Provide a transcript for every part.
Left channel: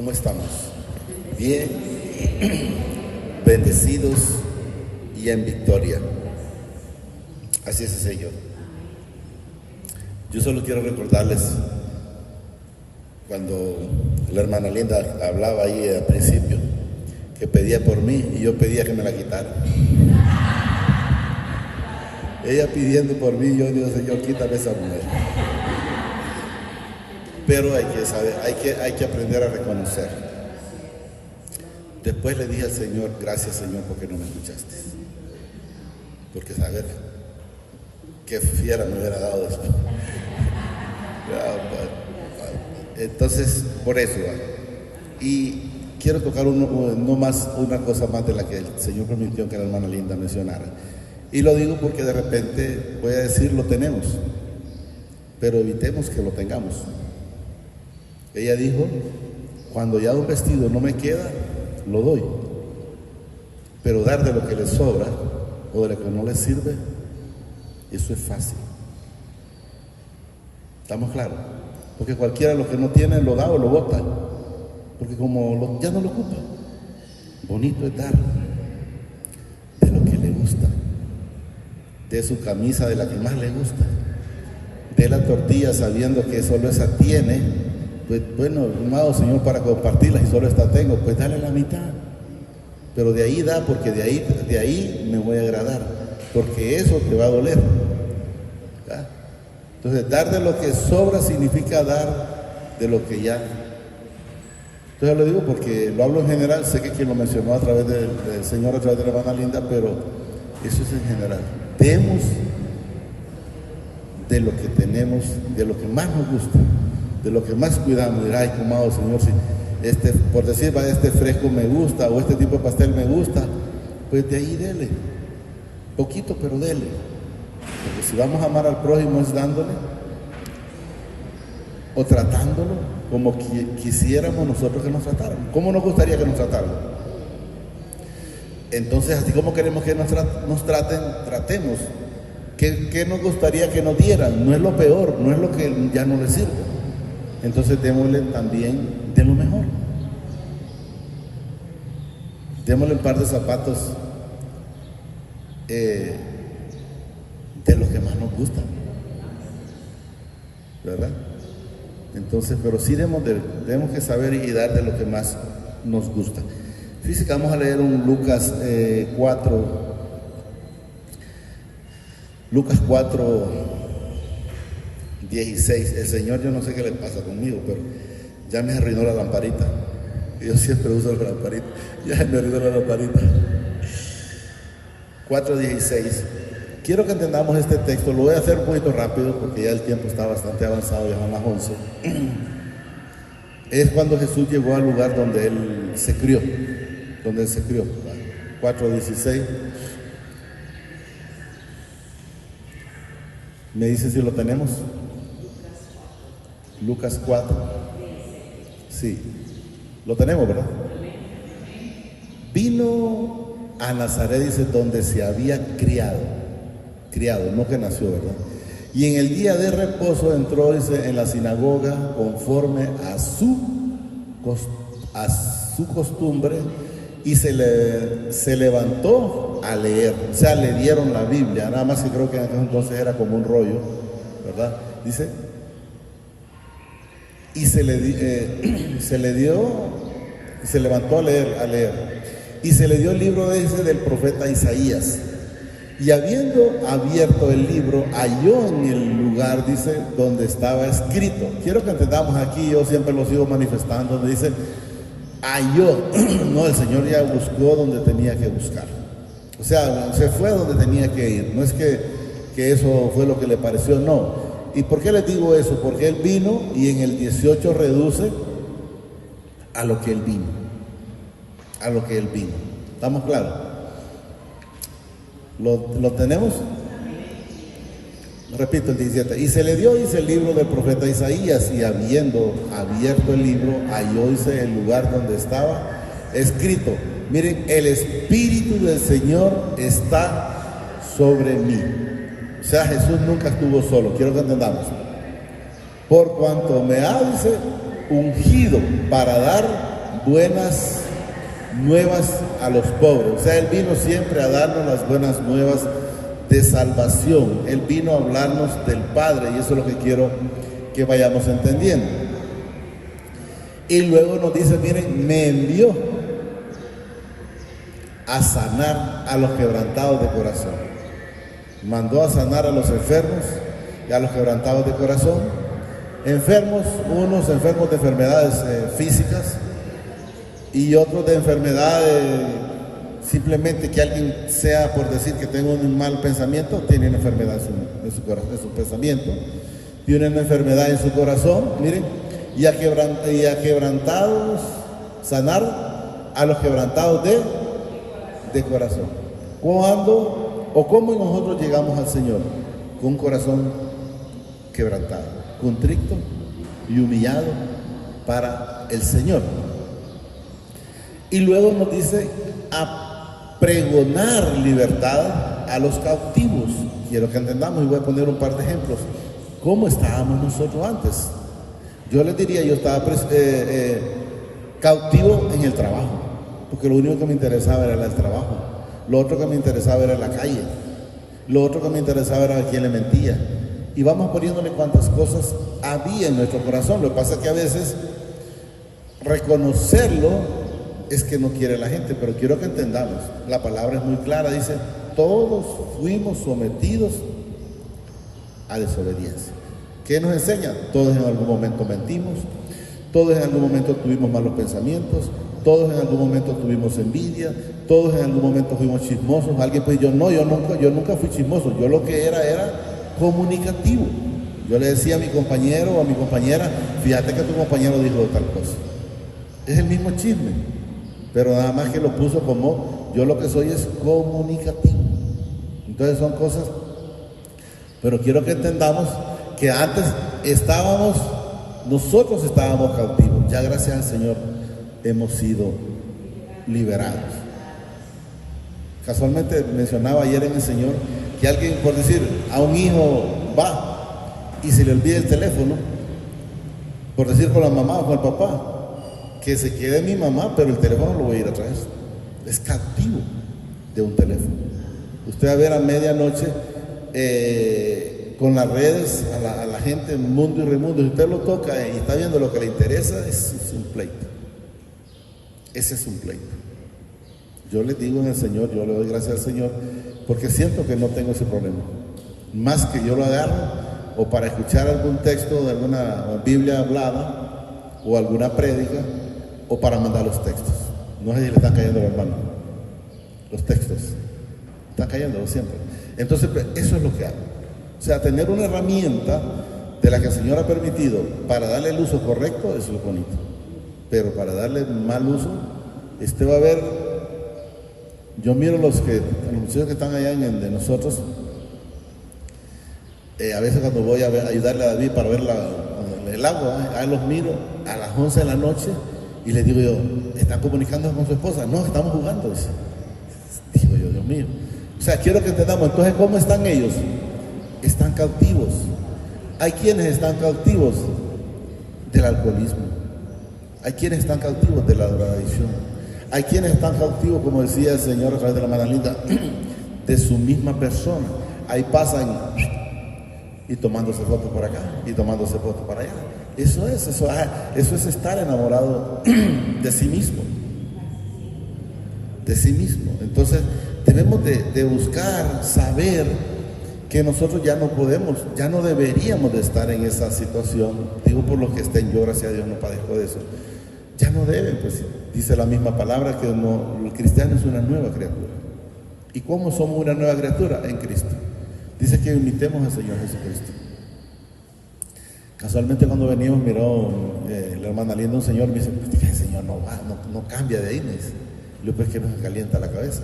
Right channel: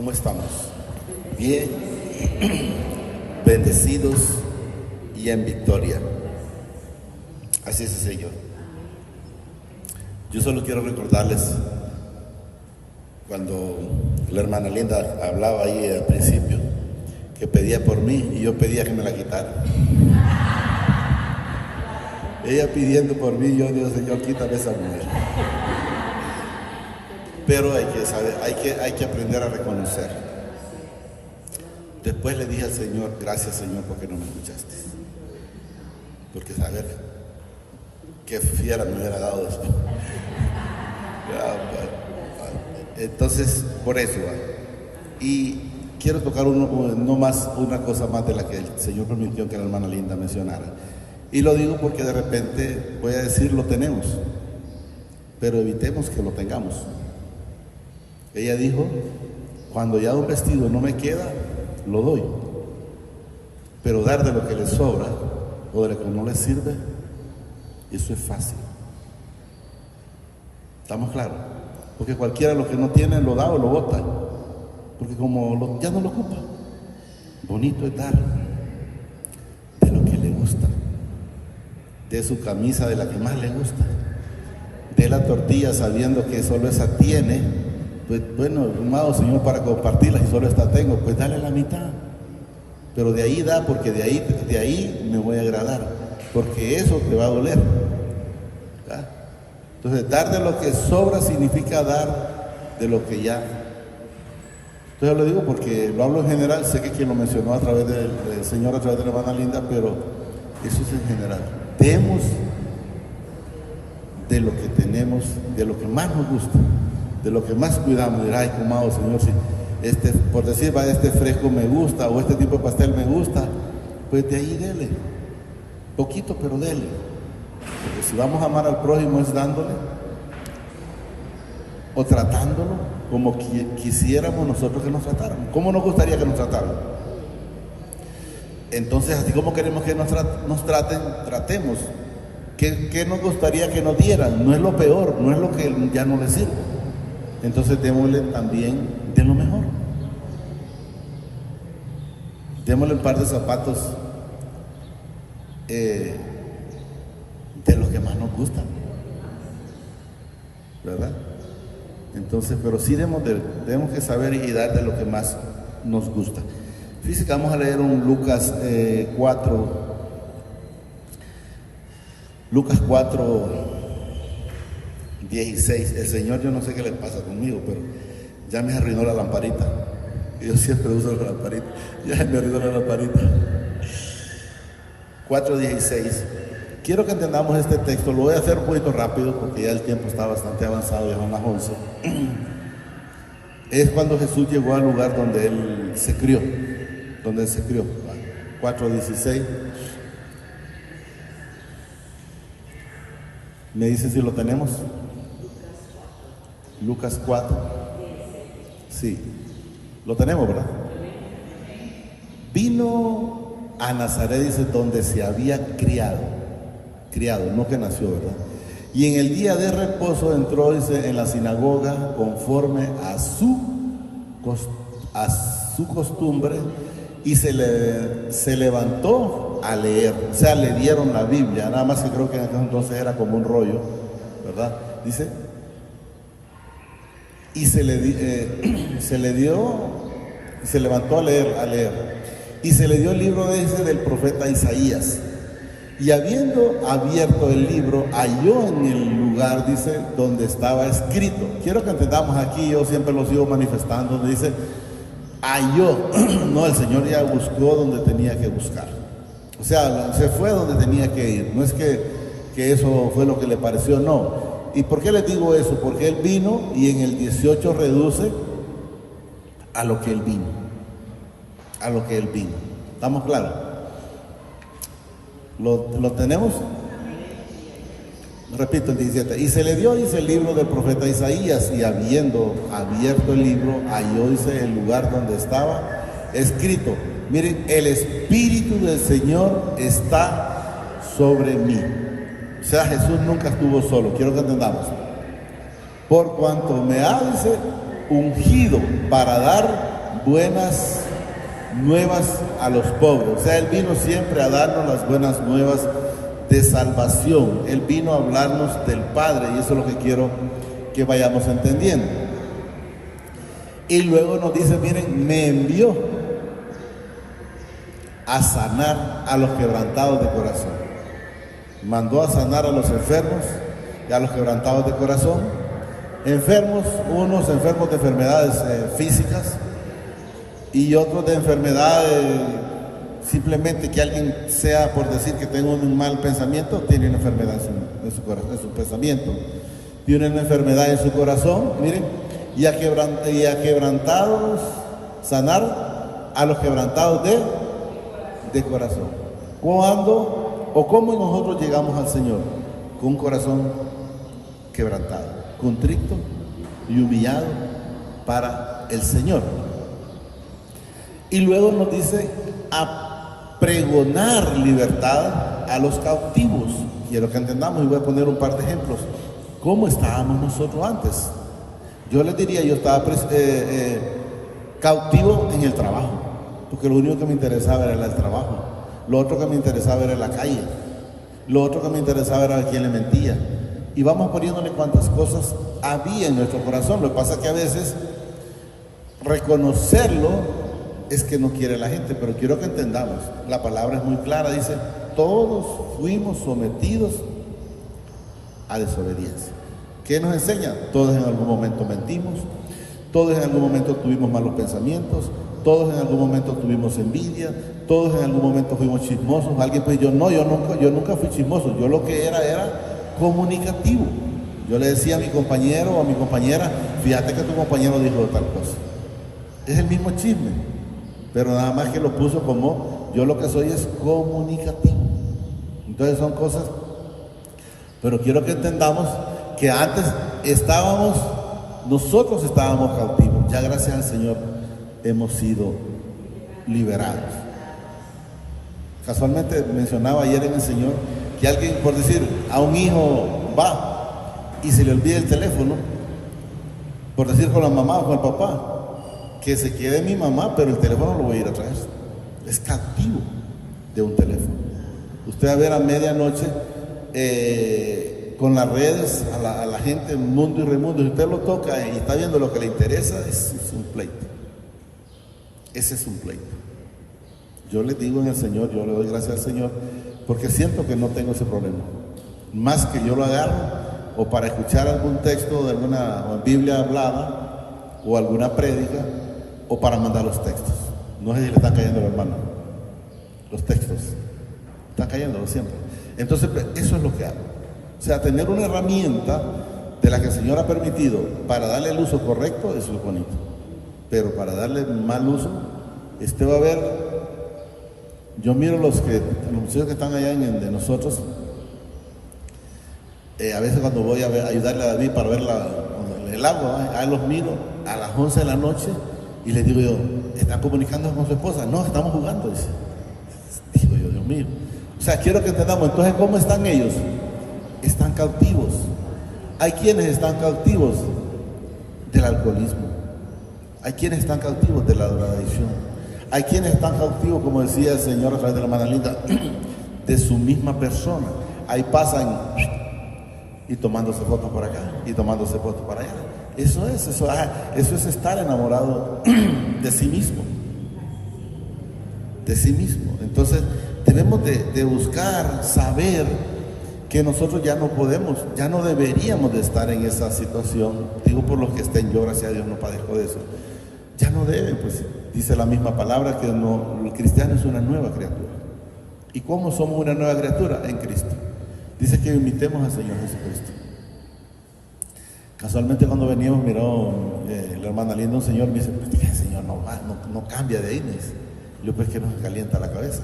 ¿Cómo estamos? Bien, bendecidos y en victoria. Así es el Señor. Yo solo quiero recordarles cuando la hermana Linda hablaba ahí al principio, que pedía por mí y yo pedía que me la quitara. Ella pidiendo por mí, yo digo, Señor, quítame esa mujer. Pero hay que saber, hay que aprender a reconocer. Después le dije al Señor, gracias Señor porque no me escuchaste. Porque saber qué fiera me hubiera dado después. Entonces, por eso. Y quiero tocar una cosa más de la que el Señor permitió que la hermana Linda mencionara. Y lo digo porque de repente voy a decir, lo tenemos, pero evitemos que lo tengamos. Ella dijo, cuando ya un vestido no me queda, lo doy. Pero dar de lo que le sobra o de lo que no le sirve, eso es fácil. ¿Estamos claros? Porque cualquiera lo que no tiene lo da o lo bota. Porque como ya no lo ocupa. Bonito es dar de lo que le gusta. De su camisa, de la que más le gusta. De la tortilla sabiendo que solo esa tiene. Pues bueno, amado Señor, para compartirla y solo esta tengo, pues dale la mitad. Pero de ahí da, porque de ahí me voy a agradar. Porque eso te va a doler. ¿Verdad? Entonces, dar de lo que sobra significa dar de lo que ya. Entonces lo digo porque lo hablo en general, sé que quien lo mencionó a través del Señor, a través de la hermana Linda, pero eso es en general. Demos de lo que tenemos, de lo que más nos gusta, de lo que más cuidamos. Ay, amado Señor, si por decir, este fresco me gusta o este tipo de pastel me gusta, pues de ahí dele, poquito pero dele. Porque si vamos a amar al prójimo es dándole o tratándolo como quisiéramos nosotros que nos trataran. ¿Cómo nos gustaría que nos trataran? Entonces, así como queremos que nos traten, tratemos. ¿Qué nos gustaría que nos dieran? No es lo peor, no es lo que ya no les sirve. Entonces démosle también de lo mejor. Démosle un par de zapatos de lo que más nos gusta, ¿verdad? Entonces, pero sí debemos que saber y dar de lo que más nos gusta. Fíjense que vamos a leer un Lucas 4. Lucas 4, 16. El Señor, yo no sé qué le pasa conmigo, pero ya me arruinó la lamparita. Yo siempre uso la lamparita. Ya me arruinó la lamparita. 4:16. Quiero que entendamos este texto. Lo voy a hacer un poquito rápido porque ya el tiempo está bastante avanzado, ya son las 11. Es cuando Jesús llegó al lugar donde Él se crió. 4:16. ¿Me dice si lo tenemos? Lucas 4. Sí. Lo tenemos, ¿verdad? Vino a Nazaret, dice, donde se había criado, no que nació, ¿verdad? Y en el día de reposo entró, dice, en la sinagoga conforme a su costumbre y se levantó a leer. O sea, le dieron la Biblia, nada más que creo que entonces era como un rollo, ¿verdad? Dice, y se levantó a leer. Y se le dio el libro ese del profeta Isaías. Y habiendo abierto el libro, halló en el lugar, dice, donde estaba escrito. Quiero que entendamos aquí, yo siempre lo sigo manifestando, donde dice, halló. No, el Señor ya buscó donde tenía que buscar. O sea, se fue donde tenía que ir. No es que eso fue lo que le pareció, no. ¿Y por qué les digo eso? Porque Él vino y en el 18 reduce a lo que Él vino. A lo que Él vino. ¿Estamos claros? ¿Lo tenemos? Repito el 17. Y se le dio, dice, el libro del profeta Isaías, y habiendo abierto el libro, halló, dice, el lugar donde estaba escrito. Miren, el Espíritu del Señor está sobre mí. O sea, Jesús nunca estuvo solo. Quiero que entendamos. Por cuanto me ha, dice, ungido para dar buenas nuevas a los pobres. O sea, Él vino siempre a darnos las buenas nuevas de salvación. Él vino a hablarnos del Padre, y eso es lo que quiero que vayamos entendiendo. Y luego nos dice, miren, me envió a sanar a los quebrantados de corazón. Mandó a sanar a los enfermos y a los quebrantados de corazón. Enfermos, unos enfermos de enfermedades físicas y otros de enfermedades, simplemente que alguien sea, por decir que tenga un mal pensamiento, tiene una enfermedad en su corazón, en su pensamiento. Tiene una enfermedad en su corazón, miren, y a quebrantados, sanar a los quebrantados de corazón. ¿Cuándo o cómo nosotros llegamos al Señor? Con un corazón quebrantado, contrito y humillado para el Señor. Y luego nos dice a pregonar libertad a los cautivos. Quiero que entendamos, y voy a poner un par de ejemplos. ¿Cómo estábamos nosotros antes? Yo les diría, yo estaba cautivo en el trabajo, porque lo único que me interesaba era el trabajo. Lo otro que me interesaba era la calle. Lo otro que me interesaba era a quién le mentía. Y vamos poniéndole cuántas cosas había en nuestro corazón. Lo que pasa es que a veces reconocerlo es que no quiere la gente, pero quiero que entendamos. La palabra es muy clara, dice, todos fuimos sometidos a desobediencia. ¿Qué nos enseña? Todos en algún momento mentimos, todos en algún momento tuvimos malos pensamientos, todos en algún momento tuvimos envidia, todos en algún momento fuimos chismosos. Alguien pues yo nunca fui chismoso, yo lo que era comunicativo. Yo le decía a mi compañero o a mi compañera, fíjate que tu compañero dijo tal cosa. Es el mismo chisme, pero nada más que lo puso como yo lo que soy es comunicativo. Entonces son cosas, pero quiero que entendamos que antes nosotros estábamos cautivos. Ya gracias al Señor hemos sido liberados. Casualmente mencionaba ayer en el Señor que alguien, por decir, a un hijo va y se le olvida el teléfono, por decir con la mamá o con el papá, que se quede mi mamá, pero el teléfono lo voy a ir a traer. Es cautivo de un teléfono. Usted va a ver a medianoche con las redes a la gente, mundo y remundo. Si usted lo toca y está viendo lo que le interesa, es un pleito. Ese es un pleito. Yo le digo en el Señor, yo le doy gracias al Señor, porque siento que no tengo ese problema. Más que yo lo agarro, o para escuchar algún texto de alguna Biblia hablada, o alguna prédica, o para mandar los textos. No sé si le están cayendo, hermano. Los textos. Están cayendo siempre. Entonces, eso es lo que hago. O sea, tener una herramienta de la que el Señor ha permitido para darle el uso correcto, eso es lo bonito. Pero para darle mal uso, va a ver, yo miro los muchachos que están allá de nosotros, a veces cuando voy a ayudarle a David para ver el agua, ahí los miro a las 11 de la noche y les digo yo, ¿está comunicando con su esposa? No, estamos jugando. Digo yo, Dios mío. O sea, quiero que entendamos, entonces, ¿cómo están ellos? Están cautivos. Hay quienes están cautivos del alcoholismo. Hay quienes están cautivos de la drogadicción. Hay quienes están cautivos, como decía el Señor a través de la hermana Linda, de su misma persona. Ahí pasan y tomándose fotos por acá y tomándose fotos por allá. Eso es estar enamorado de sí mismo. De sí mismo. Entonces, debemos de buscar, saber que nosotros ya no podemos, ya no deberíamos de estar en esa situación. Digo por los que estén, yo gracias a Dios no padezco de eso. Ya no deben, pues dice la misma palabra que el cristiano es una nueva criatura. ¿Y cómo somos una nueva criatura? En Cristo. Dice que imitemos al Señor Jesucristo. Casualmente cuando veníamos miró la hermana Linda, un señor me dice, pues el Señor no cambia de ahí. Yo pues que nos calienta la cabeza.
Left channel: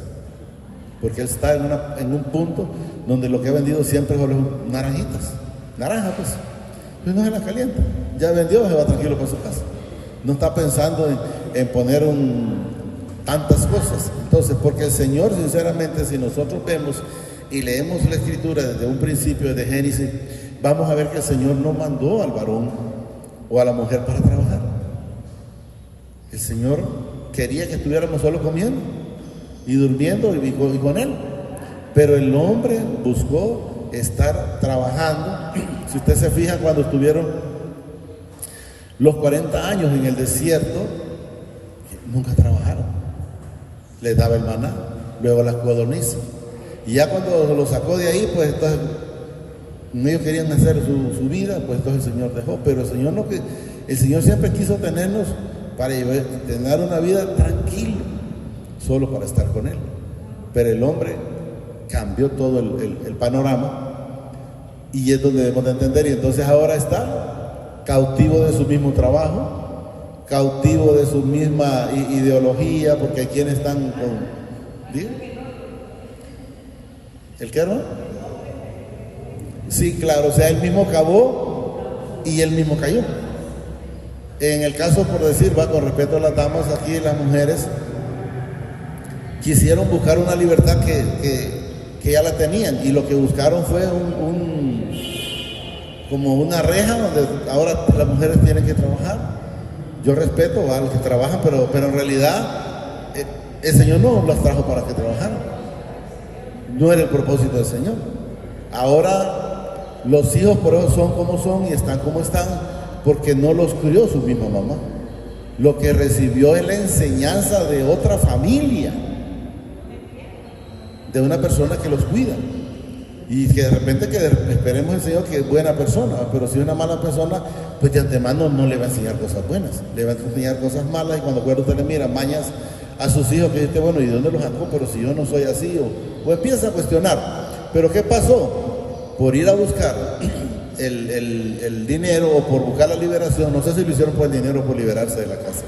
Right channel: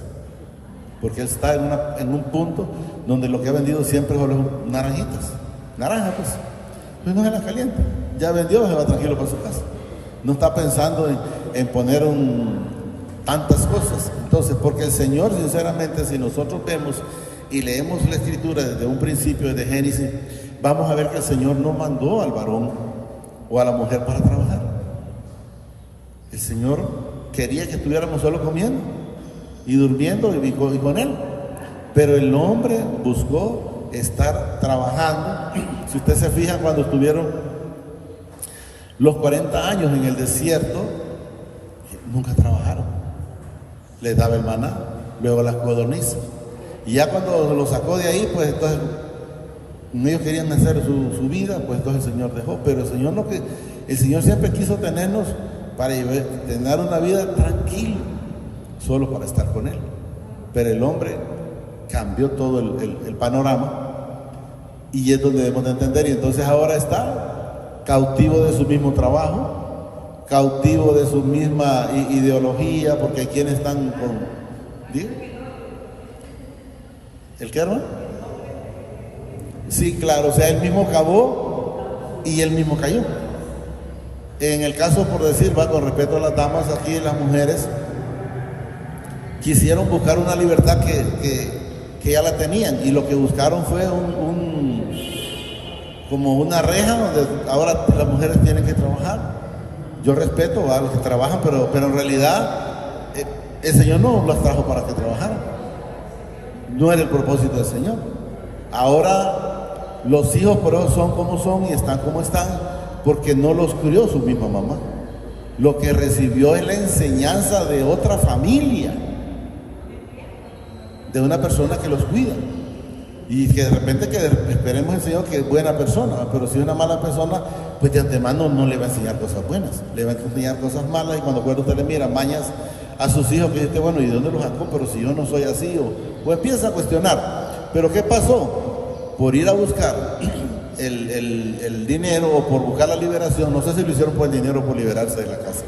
Porque él está en un punto donde lo que ha vendido siempre son naranjitas. Naranjas, pues no se las calienta. Ya vendió, se va tranquilo para su casa. No está pensando en poner tantas cosas. Entonces, porque el Señor, sinceramente, si nosotros vemos y leemos la Escritura desde un principio, desde Génesis, vamos a ver que el Señor no mandó al varón o a la mujer para trabajar. El Señor quería que estuviéramos solo comiendo y durmiendo y con Él. Pero el hombre buscó estar trabajando. Si usted se fija, cuando estuvieron los 40 años en el desierto, nunca trabajaron. Les daba el maná, luego las codornices. Y ya cuando lo sacó de ahí, pues entonces ellos querían hacer su vida, pues entonces el Señor dejó. Pero el Señor siempre quiso tenernos para tener una vida tranquila, solo para estar con Él. Pero el hombre cambió todo el panorama, y es donde debemos de entender. Y entonces ahora está cautivo de su mismo trabajo, cautivo de su misma ideología, porque hay quienes están con... ¿Digo? ¿El qué, no? Sí, claro, o sea, él mismo cavó y él mismo cayó. En el caso, por decir, con respeto a las damas aquí, las mujeres quisieron buscar una libertad que ya la tenían, y lo que buscaron fue como una reja donde ahora las mujeres tienen que trabajar. Yo respeto a los que trabajan, pero en realidad el Señor no las trajo para que trabajaran. No era el propósito del Señor. Ahora los hijos por eso son como son y están como están, porque no los crió su misma mamá. Lo que recibió es la enseñanza de otra familia, de una persona que los cuida, y que de repente esperemos al Señor que es buena persona, pero si es una mala persona, pues de antemano no le va a enseñar cosas buenas, le va a enseñar cosas malas. Y cuando usted le mira mañas a sus hijos, que dice, bueno, ¿y dónde los sacó? Pero si yo no soy así, o empieza a cuestionar. Pero ¿qué pasó? Por ir a buscar el dinero, o por buscar la liberación, no sé si lo hicieron por el dinero o por liberarse de la casa,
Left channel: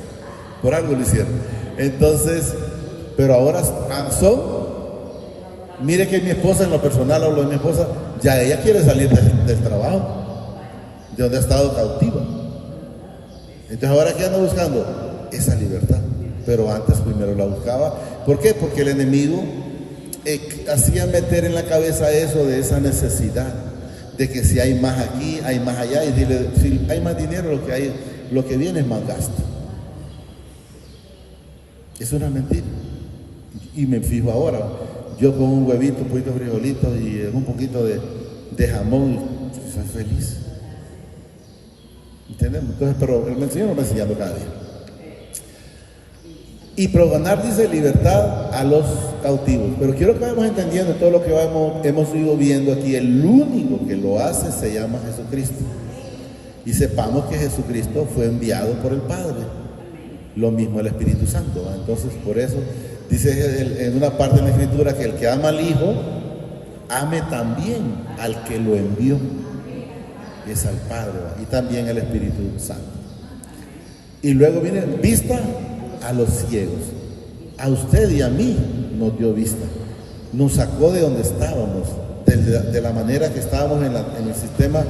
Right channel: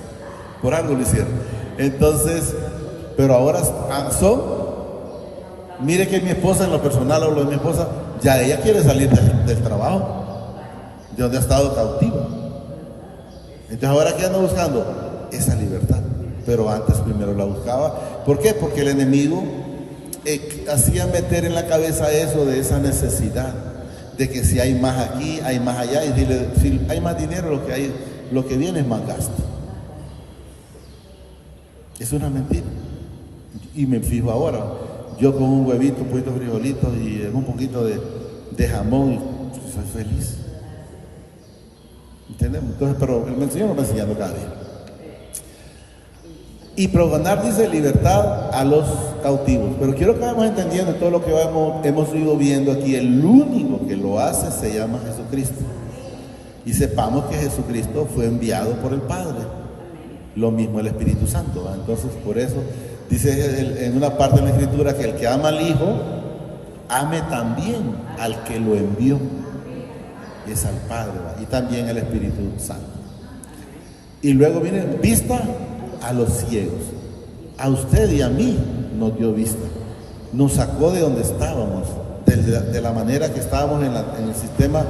por algo lo hicieron. Entonces, pero ahora son... Mire que mi esposa, en lo personal hablo de mi esposa, ya ella quiere salir del trabajo, de donde ha estado cautiva. Entonces ahora, ¿qué anda buscando? Esa libertad. Pero antes primero la buscaba. ¿Por qué? Porque el enemigo hacía meter en la cabeza eso de esa necesidad, de que si hay más aquí, hay más allá, y dile, si hay más dinero, lo que viene es más gasto. Es una mentira. Y me fijo ahora, yo con un huevito, un poquito de frijolitos y un poquito de jamón, soy feliz. ¿Entendemos? Entonces, pero el Señor me enseñó cada día. Y proganar, dice, libertad a los cautivos. Pero quiero que vamos entendiendo todo lo que hemos ido viendo aquí. El único que lo hace se llama Jesucristo. Y sepamos que Jesucristo fue enviado por el Padre. Lo mismo el Espíritu Santo, ¿verdad? Entonces, por eso dice en una parte de la Escritura que el que ama al Hijo, ame también al que lo envió. Y es al Padre, ¿verdad? Y también el Espíritu Santo. Y luego viene vista a los ciegos. A usted y a mí nos dio vista. Nos sacó de donde estábamos, de la manera que estábamos en el sistema.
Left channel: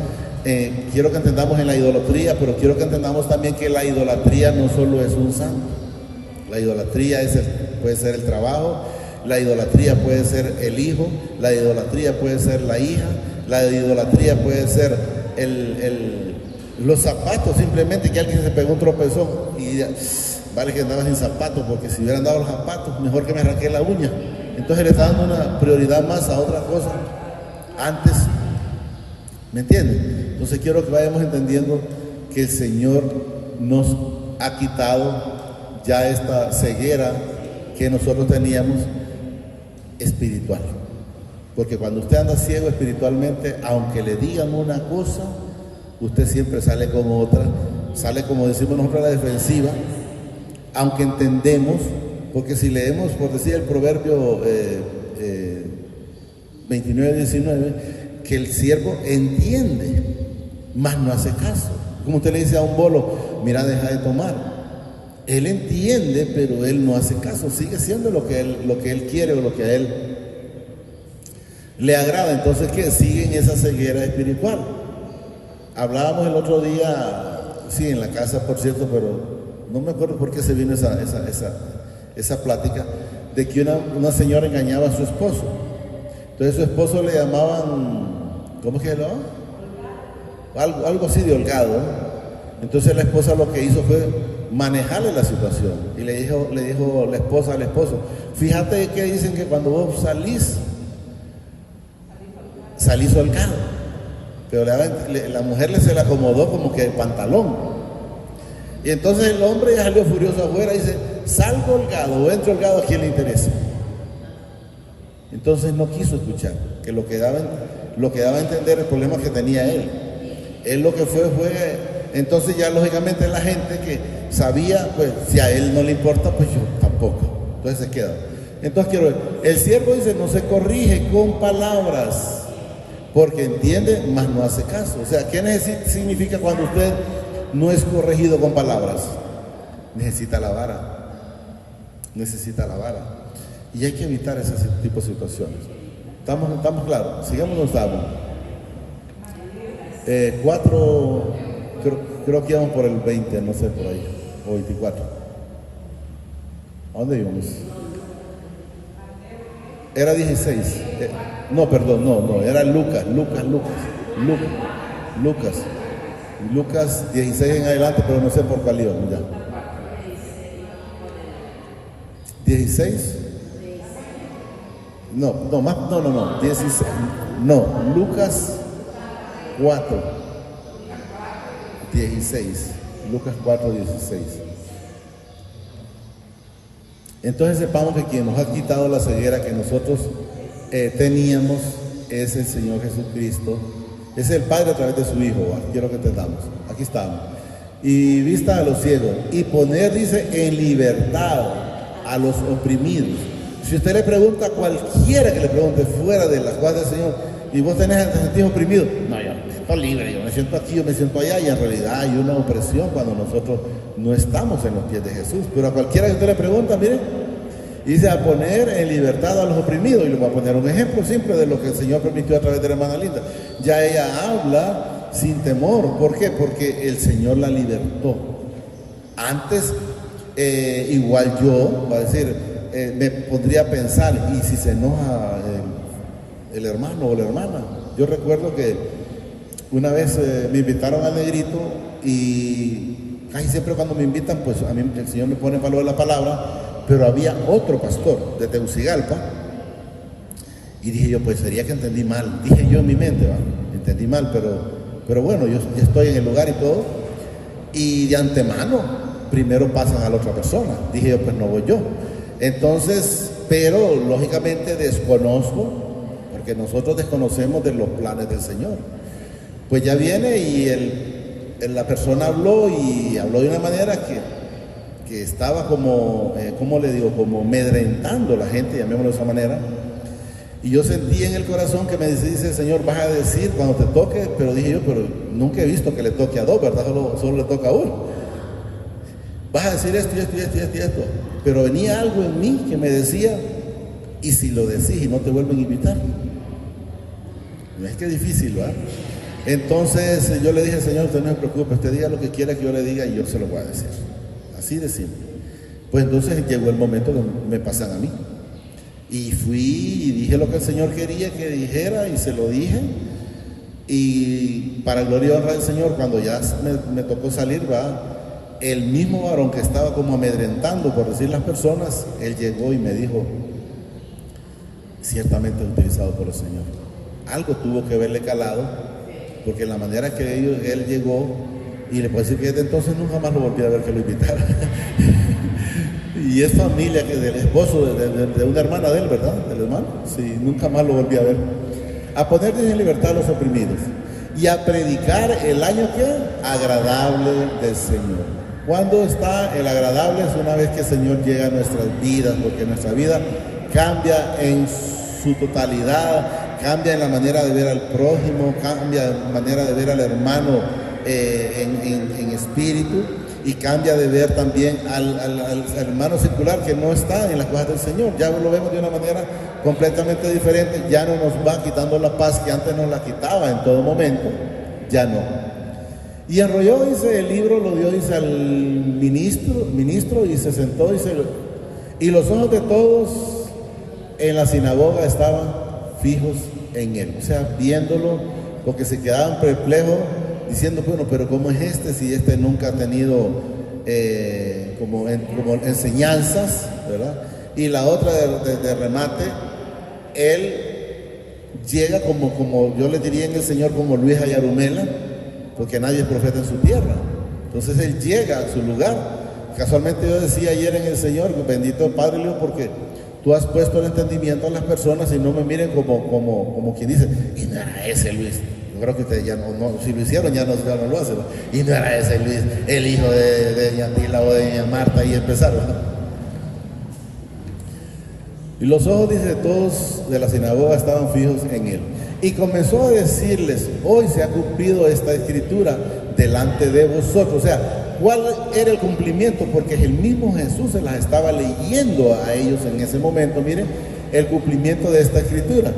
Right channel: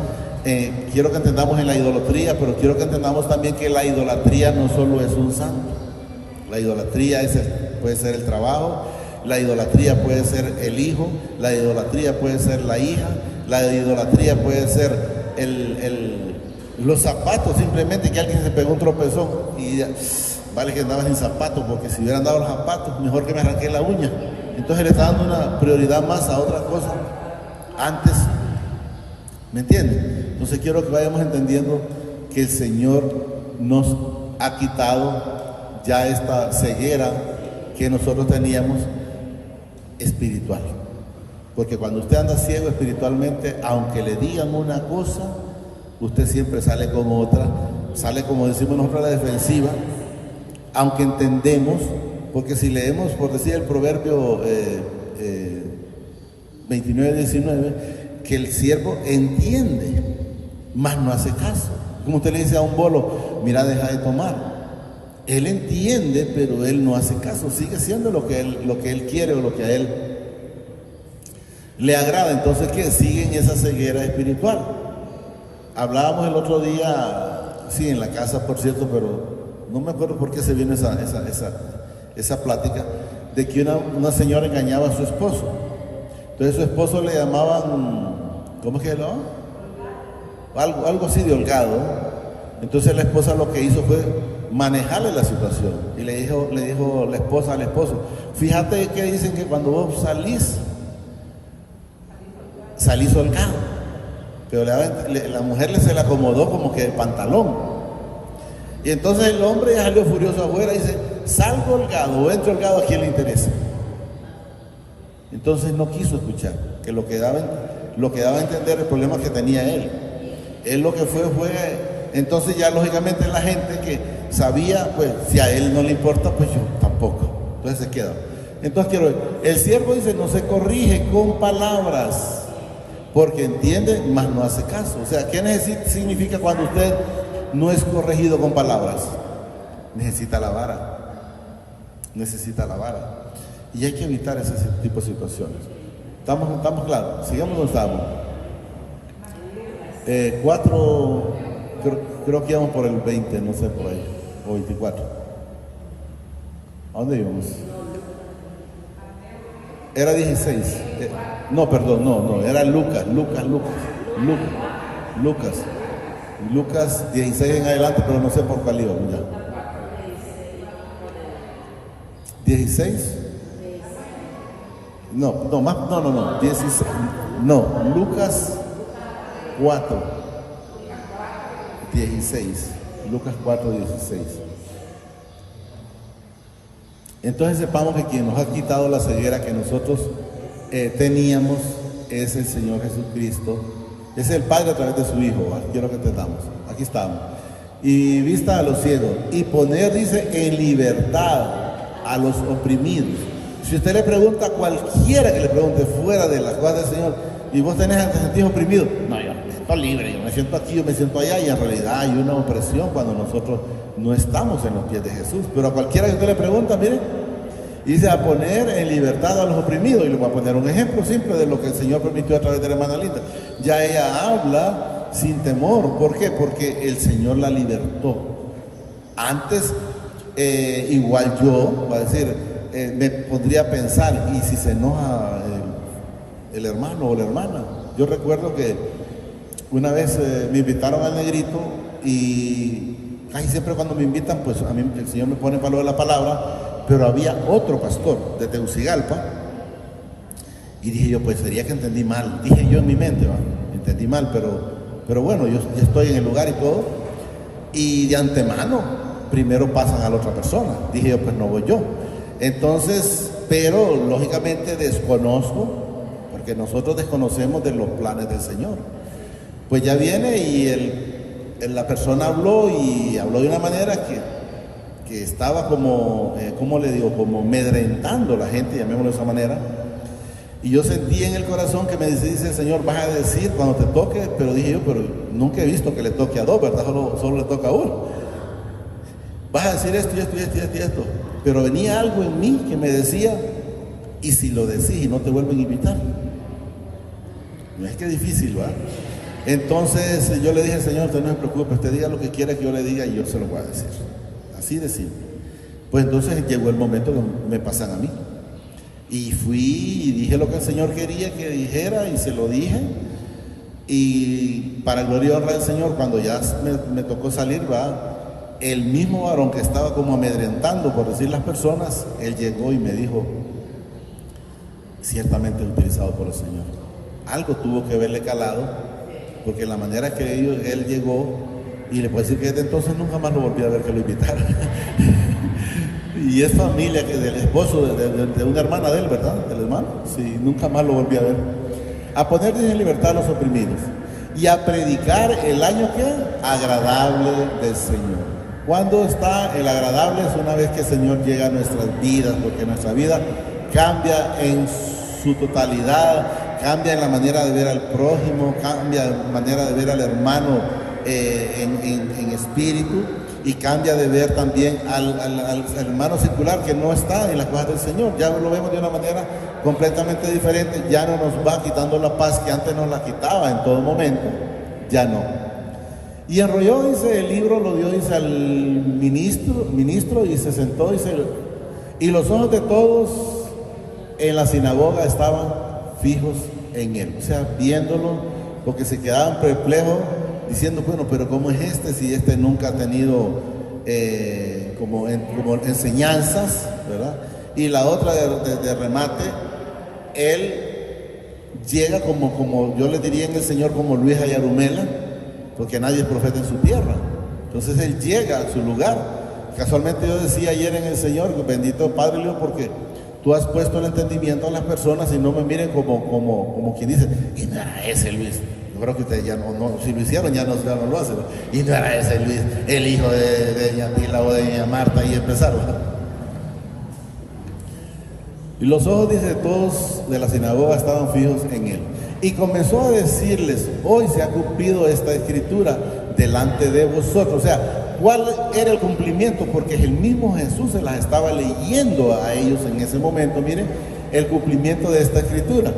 Quiero que entendamos en la idolatría, pero quiero que entendamos también que la idolatría no solo es un santo. La idolatría puede ser el trabajo, la idolatría puede ser el hijo, la idolatría puede ser la hija, la idolatría puede ser los zapatos, simplemente que alguien se pegó un tropezón y vale que andaba sin zapatos, porque si hubiera andado los zapatos, mejor que me arranqué la uña. Entonces le está dando una prioridad más a otras cosas antes. ¿Me entienden? Entonces quiero que vayamos entendiendo que el Señor nos ha quitado ya esta ceguera que nosotros teníamos espiritual. Porque cuando usted anda ciego espiritualmente, aunque le digan una cosa, usted siempre sale como otra, sale, como decimos nosotros, a la defensiva, aunque entendemos, porque si leemos, por decir el proverbio 29-19, que el siervo entiende, mas no hace caso. Como usted le dice a un bolo, mira, deja de tomar. Él entiende, pero él no hace caso, sigue siendo lo que él quiere o lo que a él le agrada. Entonces, ¿qué? Sigue en esa ceguera espiritual. Hablábamos el otro día, sí, en la casa, por cierto, pero no me acuerdo por qué se vino esa plática, de que una señora engañaba a su esposo. Entonces su esposo le llamaban, ¿cómo es que le llamaban? Algo así de holgado, ¿no? Entonces la esposa lo que hizo fue manejarle la situación. Y le dijo la esposa al esposo, fíjate que dicen que cuando vos salís holgado, pero la mujer se le acomodó como que el pantalón. Y entonces el hombre ya salió furioso afuera y dice, salgo holgado o entro holgado, ¿a quién le interesa? Entonces no quiso escuchar, que lo que daba a entender el problema que tenía él. Él lo que fue, entonces ya lógicamente la gente que sabía, pues si a él no le importa, pues yo tampoco. Entonces se queda. Entonces quiero ver, el siervo dice, no se corrige con palabras, porque entiende, mas no hace caso. O sea, ¿qué significa cuando usted no es corregido con palabras? Necesita la vara. Necesita la vara. Y hay que evitar ese tipo de situaciones. ¿Estamos claros? Sigamos donde estamos. 4, creo que íbamos por el 20, no sé, por ahí, o 24. ¿A dónde vimos? Era 16. No, perdón, no, era Lucas 16 en adelante, pero no sé por cuál iba. 16. No, 16. No, Lucas 4, 16. Lucas 4, 16. Entonces sepamos que quien nos ha quitado la ceguera que nosotros teníamos es el Señor Jesucristo, es el Padre a través de su Hijo. Quiero que entendamos. Aquí estamos. Y vista a los ciegos y poner, dice, en libertad a los oprimidos. Si usted le pregunta a cualquiera que le pregunte fuera de las cosas del Señor, y vos tenés a sentir oprimido, no, yo me siento libre, yo me siento aquí, yo me siento allá, y en realidad hay una opresión cuando nosotros no estamos en los pies de Jesús. Pero a cualquiera que usted le pregunta, mire, dice a poner en libertad a los oprimidos. Y le voy a poner un ejemplo simple de lo que el Señor permitió a través de la hermana Linda. Ya ella habla sin temor. ¿Por qué? Porque el Señor la libertó. Antes, igual yo, va a decir, me pondría a pensar, ¿y si se enoja el hermano o la hermana? Yo recuerdo que una vez me invitaron al Negrito y casi siempre cuando me invitan, pues a mí el Señor me pone valor a la palabra, pero había otro pastor de Tegucigalpa y dije yo, pues sería que entendí mal. Dije yo en mi mente, entendí mal, pero bueno, yo estoy en el lugar y todo, y de antemano primero pasan a la otra persona. Dije yo, pues no voy yo. Entonces, pero lógicamente desconozco, porque nosotros desconocemos de los planes del Señor. Pues ya viene y la persona habló de una manera que estaba como, ¿cómo le digo? Como amedrentando a la gente, llamémoslo de esa manera. Y yo sentí en el corazón que me dice el Señor, vas a decir cuando te toque, pero dije yo, pero nunca he visto que le toque a dos, ¿verdad? Solo le toca a uno. Vas a decir esto. Pero venía algo en mí que me decía, y si lo decís y no te vuelven a invitar. No es que es difícil, ¿verdad? Entonces yo le dije al Señor, usted no se preocupe, usted diga lo que quiera que yo le diga y yo se lo voy a decir. Así de simple. Pues entonces llegó el momento que me pasan a mí. Y fui y dije lo que el Señor quería que dijera y se lo dije. Y para gloria y honra del Señor, cuando ya me tocó salir, va, el mismo varón que estaba como amedrentando, por decir las personas, él llegó y me dijo, ciertamente utilizado por el Señor. Algo tuvo que haberle calado, porque la manera que él llegó, y le puedo decir que desde entonces nunca más lo volví a ver que lo invitara. Y es familia del esposo de una hermana de él, ¿verdad? Del hermano. Sí, nunca más lo volví a ver. A poner en libertad a los oprimidos y a predicar el año que agradable del Señor. ¿Cuándo está el agradable? Es una vez que el Señor llega a nuestras vidas, porque nuestra vida cambia en su totalidad, cambia en la manera de ver al prójimo, cambia en la manera de ver al hermano en espíritu, y cambia de ver también al hermano secular que no está en las cosas del Señor. Ya lo vemos de una manera completamente diferente. Ya no nos va quitando la paz que antes nos la quitaba en todo momento, ya no. Y enrolló, dice, el libro lo dio, dice, al ministro, y se sentó, dice, y los ojos de todos en la sinagoga estaban fijos en él, o sea, viéndolo, porque se quedaban perplejos, diciendo, bueno, pero ¿cómo es este si este nunca ha tenido como enseñanzas, ¿verdad? Y la otra de remate, él llega como yo le diría en el Señor, como Luis Ayarumela, porque nadie es profeta en su tierra. Entonces él llega a su lugar. Casualmente yo decía ayer en el Señor, bendito Padre Luis, porque tú has puesto el entendimiento a las personas y no me miren como quien dice, y no era ese Luis. Yo creo que ustedes ya no, si lo hicieron ya no lo hacen. Y no era ese Luis, el hijo de doña Tila o de doña Marta, y empezaron, ¿no? Y los ojos, dice, todos de la sinagoga estaban fijos en él. Y comenzó a decirles, hoy se ha cumplido esta escritura delante de vosotros. O sea, ¿cuál era el cumplimiento? Porque el mismo Jesús se las estaba leyendo a ellos en ese momento. Miren, el cumplimiento de esta escritura.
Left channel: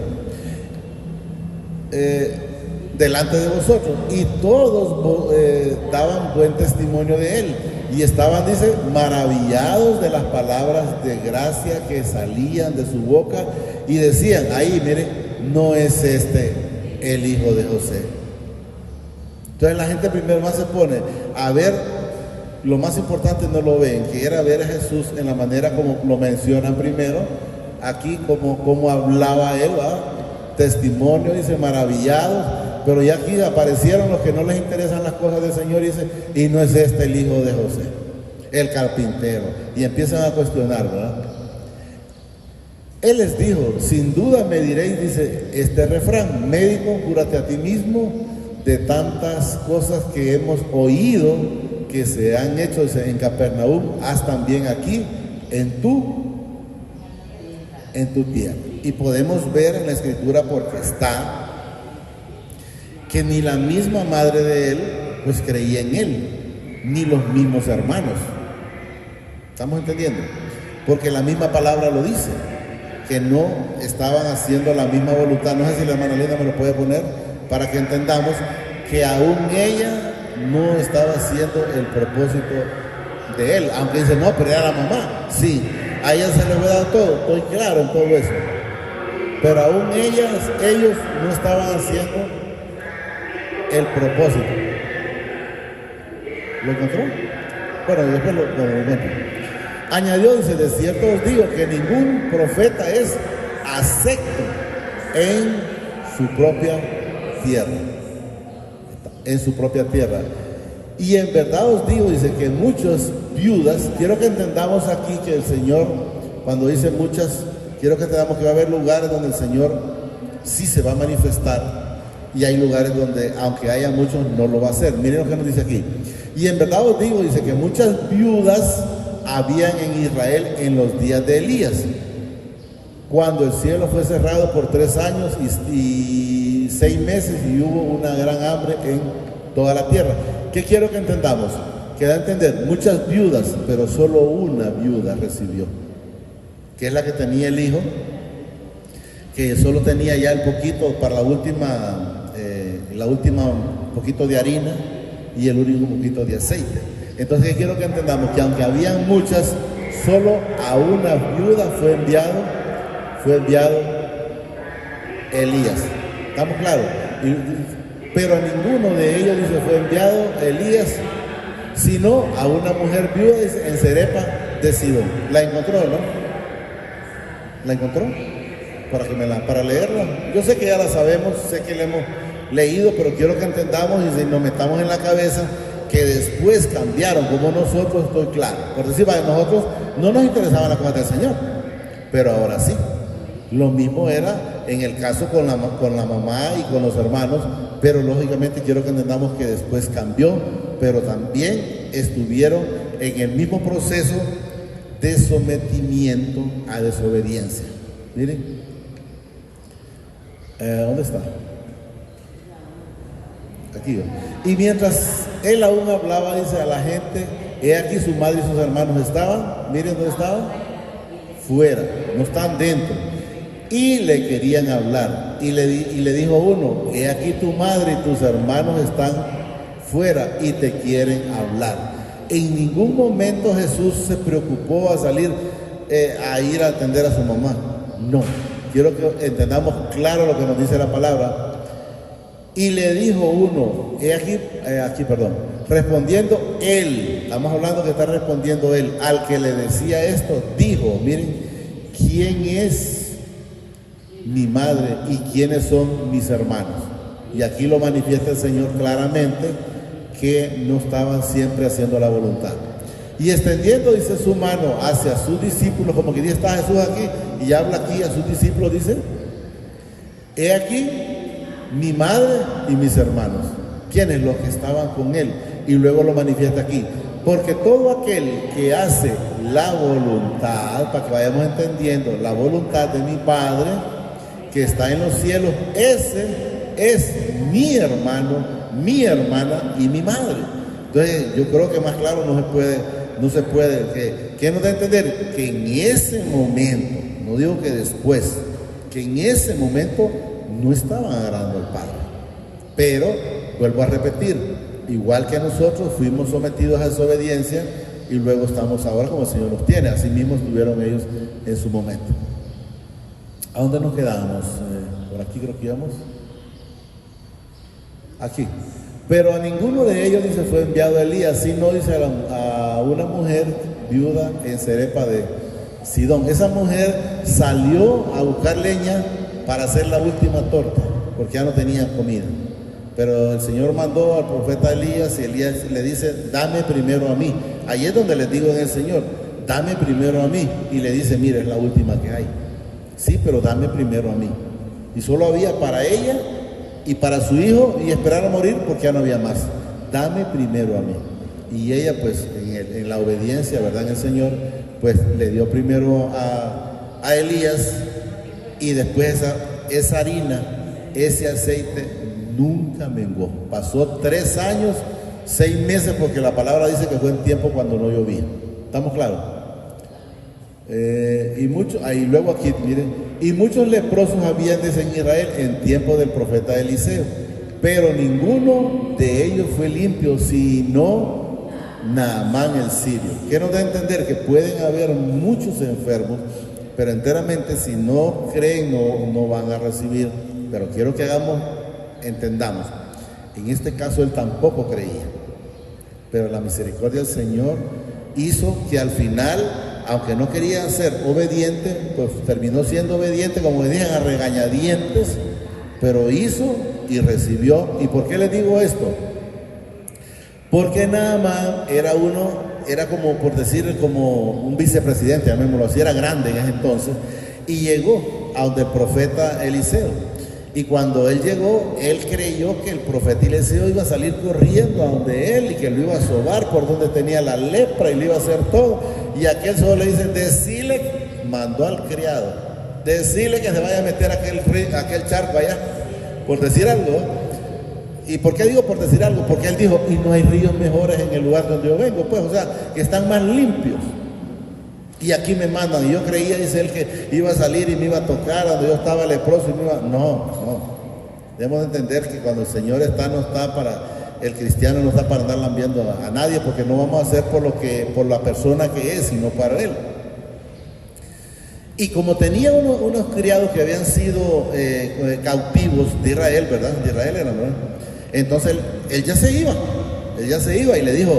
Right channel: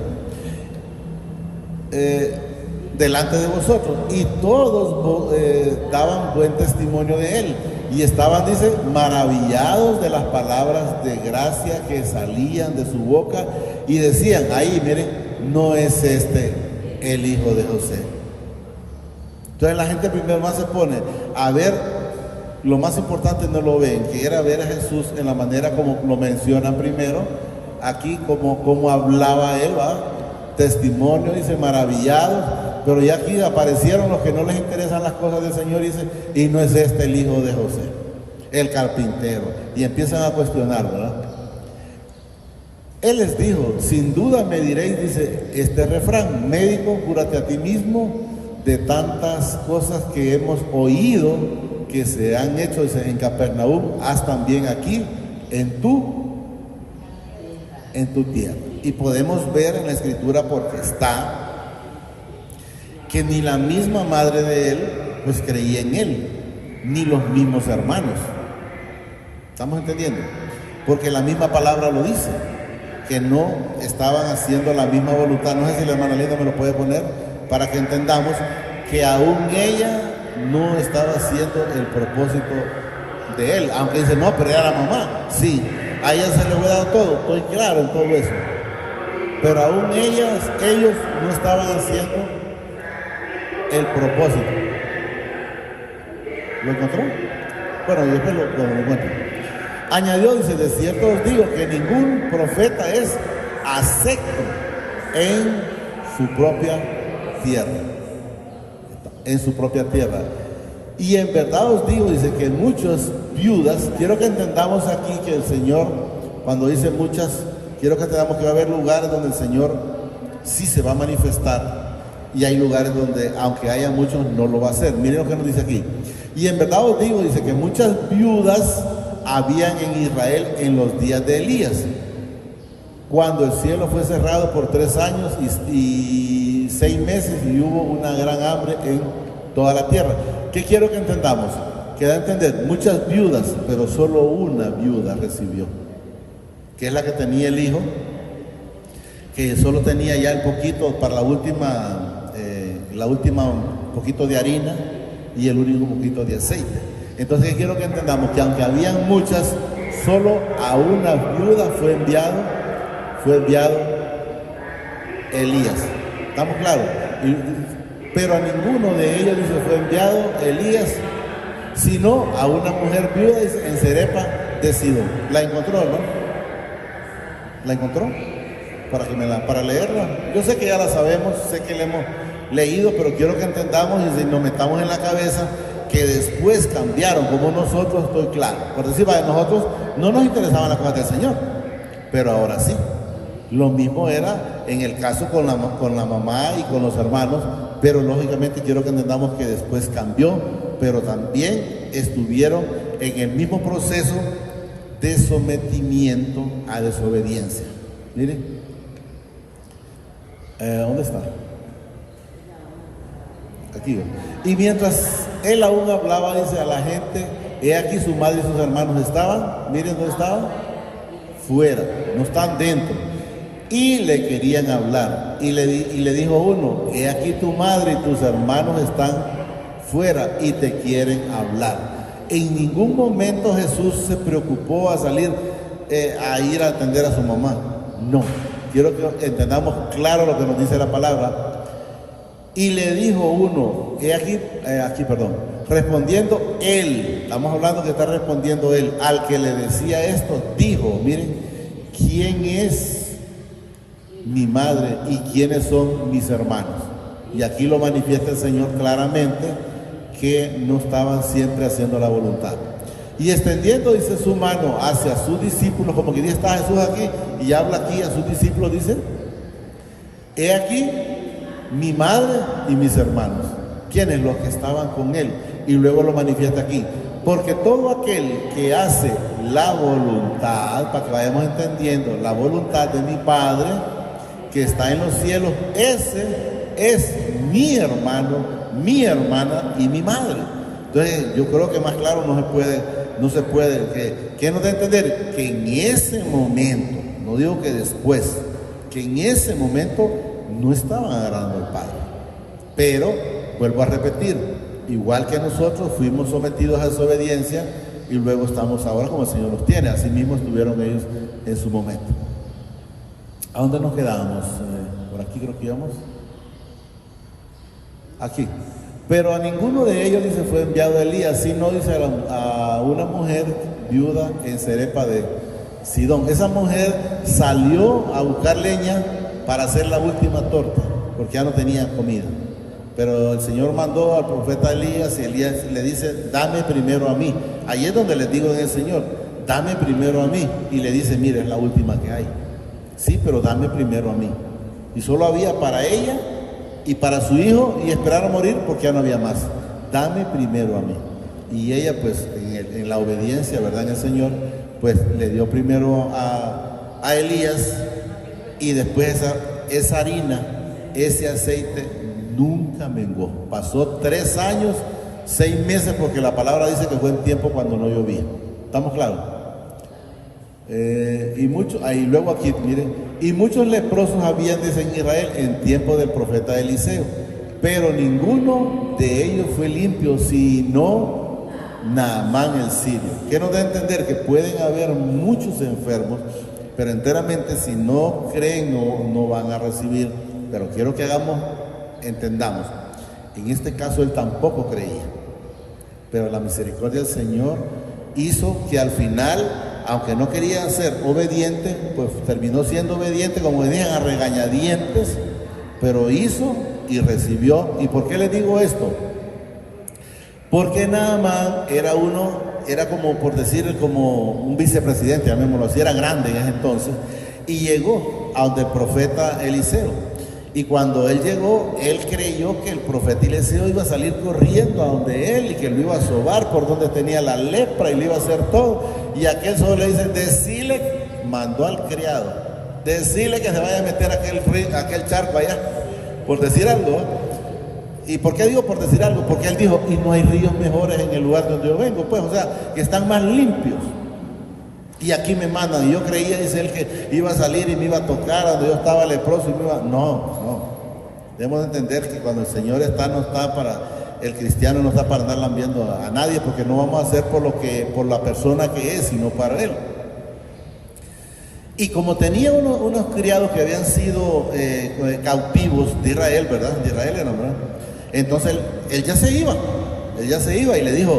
Delante de vosotros. Y todos daban buen testimonio de él. Y estaban, dice, maravillados de las palabras de gracia que salían de su boca. Y decían, ahí, miren, no es este el hijo de José. Entonces la gente primero más se pone a ver, lo más importante no lo ven, que era ver a Jesús en la manera como lo mencionan primero, aquí como hablaba Eva, testimonio, dice, maravillados, pero ya aquí aparecieron los que no les interesan las cosas del Señor, dice, y no es este el hijo de José, el carpintero, y empiezan a cuestionar, ¿verdad? Él les dijo, sin duda me diréis, dice, este refrán, médico, cúrate a ti mismo de tantas cosas que hemos oído que se han hecho en Capernaum, haz también aquí, en tu tierra. Y podemos ver en la escritura, porque está, que ni la misma madre de él, pues creía en él, ni los mismos hermanos. ¿Estamos entendiendo? Porque la misma palabra lo dice, que no estaban haciendo la misma voluntad. No sé si la hermana Lena me lo puede poner para que entendamos que aún ella no estaba haciendo el propósito de él, aunque dice, no, pero era la mamá. Sí, a ella se le había dado todo, estoy claro en todo eso, pero aún ellos no estaban haciendo el propósito. ¿Lo encontró? Bueno, después lo encuentro. Añadió, dice, de cierto os digo que ningún profeta es acepto en su propia tierra. En su propia tierra. Y en verdad os digo, dice, que muchas viudas, quiero que entendamos aquí que el Señor, cuando dice muchas, quiero que entendamos que va a haber lugares donde el Señor sí se va a manifestar, y hay lugares donde, aunque haya muchos, no lo va a hacer. Miren lo que nos dice aquí. Y en verdad os digo, dice, que muchas viudas habían en Israel en los días de Elías, cuando el cielo fue cerrado por 3 años y 6 meses, y hubo una gran hambre en toda la tierra. ¿Qué quiero que entendamos? Que da a entender, muchas viudas, pero solo una viuda recibió, que es la que tenía el hijo, que solo tenía ya el poquito para la última un poquito de harina y el último poquito de aceite. Entonces quiero que entendamos que aunque había muchas, solo a una viuda fue enviado Elías. ¿Estamos claros? Pero a ninguno de ellos se fue enviado Elías, sino a una mujer viuda en Serepa de Sidón. ¿La encontró, no? ¿La encontró? Para leerla. Yo sé que ya la sabemos, sé que la hemos leído, pero quiero que entendamos y nos metamos en la cabeza que después cambiaron, como nosotros, estoy claro. Por decir, a nosotros no nos interesaba la cosa del Señor, pero ahora sí. Lo mismo era en el caso con la mamá y con los hermanos, pero lógicamente quiero que entendamos que después cambió, pero también estuvieron en el mismo proceso de sometimiento a desobediencia. Miren, ¿dónde está? Aquí. Y mientras él aún hablaba, dice a la gente, he aquí su madre y sus hermanos estaban, miren dónde estaban, fuera, no están dentro, y le querían hablar, y le dijo uno, he aquí tu madre y tus hermanos están fuera y te quieren hablar. En ningún momento Jesús se preocupó a salir a ir a atender a su mamá, no. Quiero que entendamos claro lo que nos dice la palabra. Y le dijo uno, respondiendo él, estamos hablando que está respondiendo él, al que le decía esto, dijo, miren, ¿quién es mi madre y quiénes son mis hermanos? Y aquí lo manifiesta el Señor claramente, que no estaban siempre haciendo la voluntad. Y extendiendo, dice, su mano hacia sus discípulos, como que ya está Jesús aquí, y habla aquí a sus discípulos, dice, he aquí mi madre y mis hermanos, quienes los que estaban con él, y luego lo manifiesta aquí, porque todo aquel que hace la voluntad, para que vayamos entendiendo, la voluntad de mi Padre que está en los cielos, ese es mi hermano, mi hermana y mi madre. Entonces yo creo que más claro no se puede, ¿qué nos da a entender? Que en ese momento, no digo que después, que en ese momento no estaban agradando al Padre. Pero, vuelvo a repetir, igual que nosotros fuimos sometidos a esa obediencia y luego estamos ahora como el Señor nos tiene. Así mismo estuvieron ellos en su momento. ¿A dónde nos quedamos? Por aquí creo que íbamos. Aquí. Pero a ninguno de ellos se fue enviado Elías, sino dice a una mujer viuda en Cerepa de Sidón. Esa mujer salió a buscar leña para hacer la última torta, porque ya no tenían comida. Pero el Señor mandó al profeta Elías y Elías le dice, dame primero a mí. Ahí es donde les digo del Señor, dame primero a mí. Y le dice, mire, es la última que hay. Sí, pero dame primero a mí. Y solo había para ella y para su hijo, y esperar a morir porque ya no había más. Dame primero a mí. Y ella, pues, en la obediencia, ¿verdad?, en el Señor, pues le dio primero a Elías, y después esa harina, ese aceite nunca menguó. Pasó 3 años, 6 meses, porque la palabra dice que fue el tiempo cuando no llovía. ¿Estamos claros? Y muchos, ahí luego aquí, miren, y muchos leprosos habían en Israel en tiempo del profeta Eliseo, pero ninguno de ellos fue limpio, sino Naamán el sirio. Quiero dar a entender que pueden haber muchos enfermos, pero enteramente si no creen no van a recibir. Pero quiero que entendamos, en este caso él tampoco creía, pero la misericordia del Señor hizo que al final, aunque no quería ser obediente, pues terminó siendo obediente, como decían, a regañadientes, pero hizo y recibió. ¿Y por qué les digo esto? Porque Naamán era como, por decir, como un vicepresidente, llamémoslo así, era grande en ese entonces, y llegó a donde el profeta Eliseo. Y cuando él llegó, él creyó que el profeta Eliseo iba a salir corriendo a donde él y que lo iba a sobar por donde tenía la lepra y le iba a hacer todo. Y aquel solo le dice, decile, mandó al criado, decile que se vaya a meter aquel charco allá, por decir algo. ¿Y por qué digo por decir algo? Porque él dijo, y no hay ríos mejores en el lugar donde yo vengo, pues, o sea, que están más limpios. Y aquí me mandan, y yo creía, dice él, que iba a salir y me iba a tocar donde yo estaba leproso y me iba... No. Debemos entender que cuando el Señor no está para, el cristiano no está para andar lambiando a nadie, porque no vamos a hacer por la persona que es, sino para él. Y como tenía unos criados que habían sido cautivos de Israel, ¿verdad? De Israel eran, ¿verdad? Entonces él ya se iba y le dijo,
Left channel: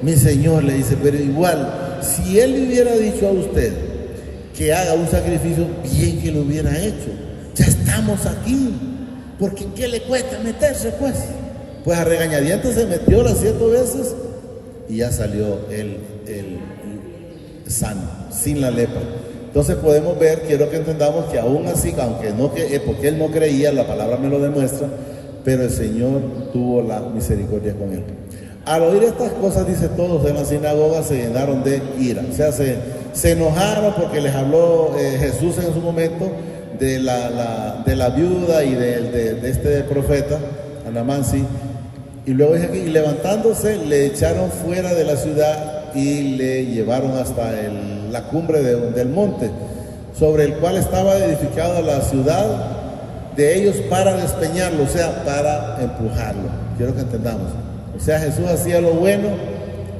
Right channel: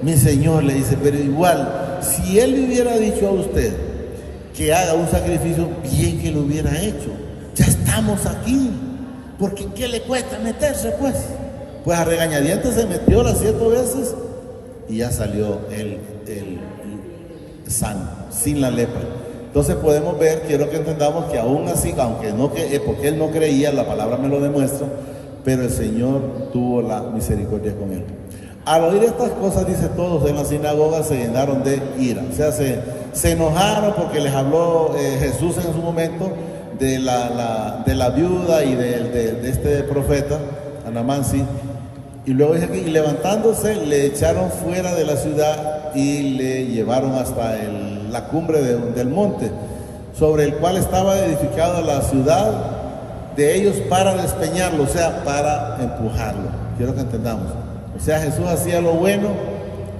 mi Señor, le dice, pero igual, si él le hubiera dicho a usted que haga un sacrificio, bien que lo hubiera hecho. Ya estamos aquí. Porque ¿qué le cuesta meterse, pues? Pues a regañadientes se metió las 7 veces y ya salió el sano, sin la lepra. Entonces podemos ver, quiero que entendamos que aún así, porque él no creía, la palabra me lo demuestra, pero el Señor tuvo la misericordia con él. Al oír estas cosas, dice, todos en la sinagoga se llenaron de ira. O sea, se enojaron porque les habló Jesús en su momento de la viuda y de este profeta, Naamán, sí. Y luego dice que levantándose le echaron fuera de la ciudad y le llevaron hasta la cumbre del monte, sobre el cual estaba edificada la ciudad de ellos, para despeñarlo, o sea, para empujarlo. Quiero que entendamos. O sea, Jesús hacía lo bueno,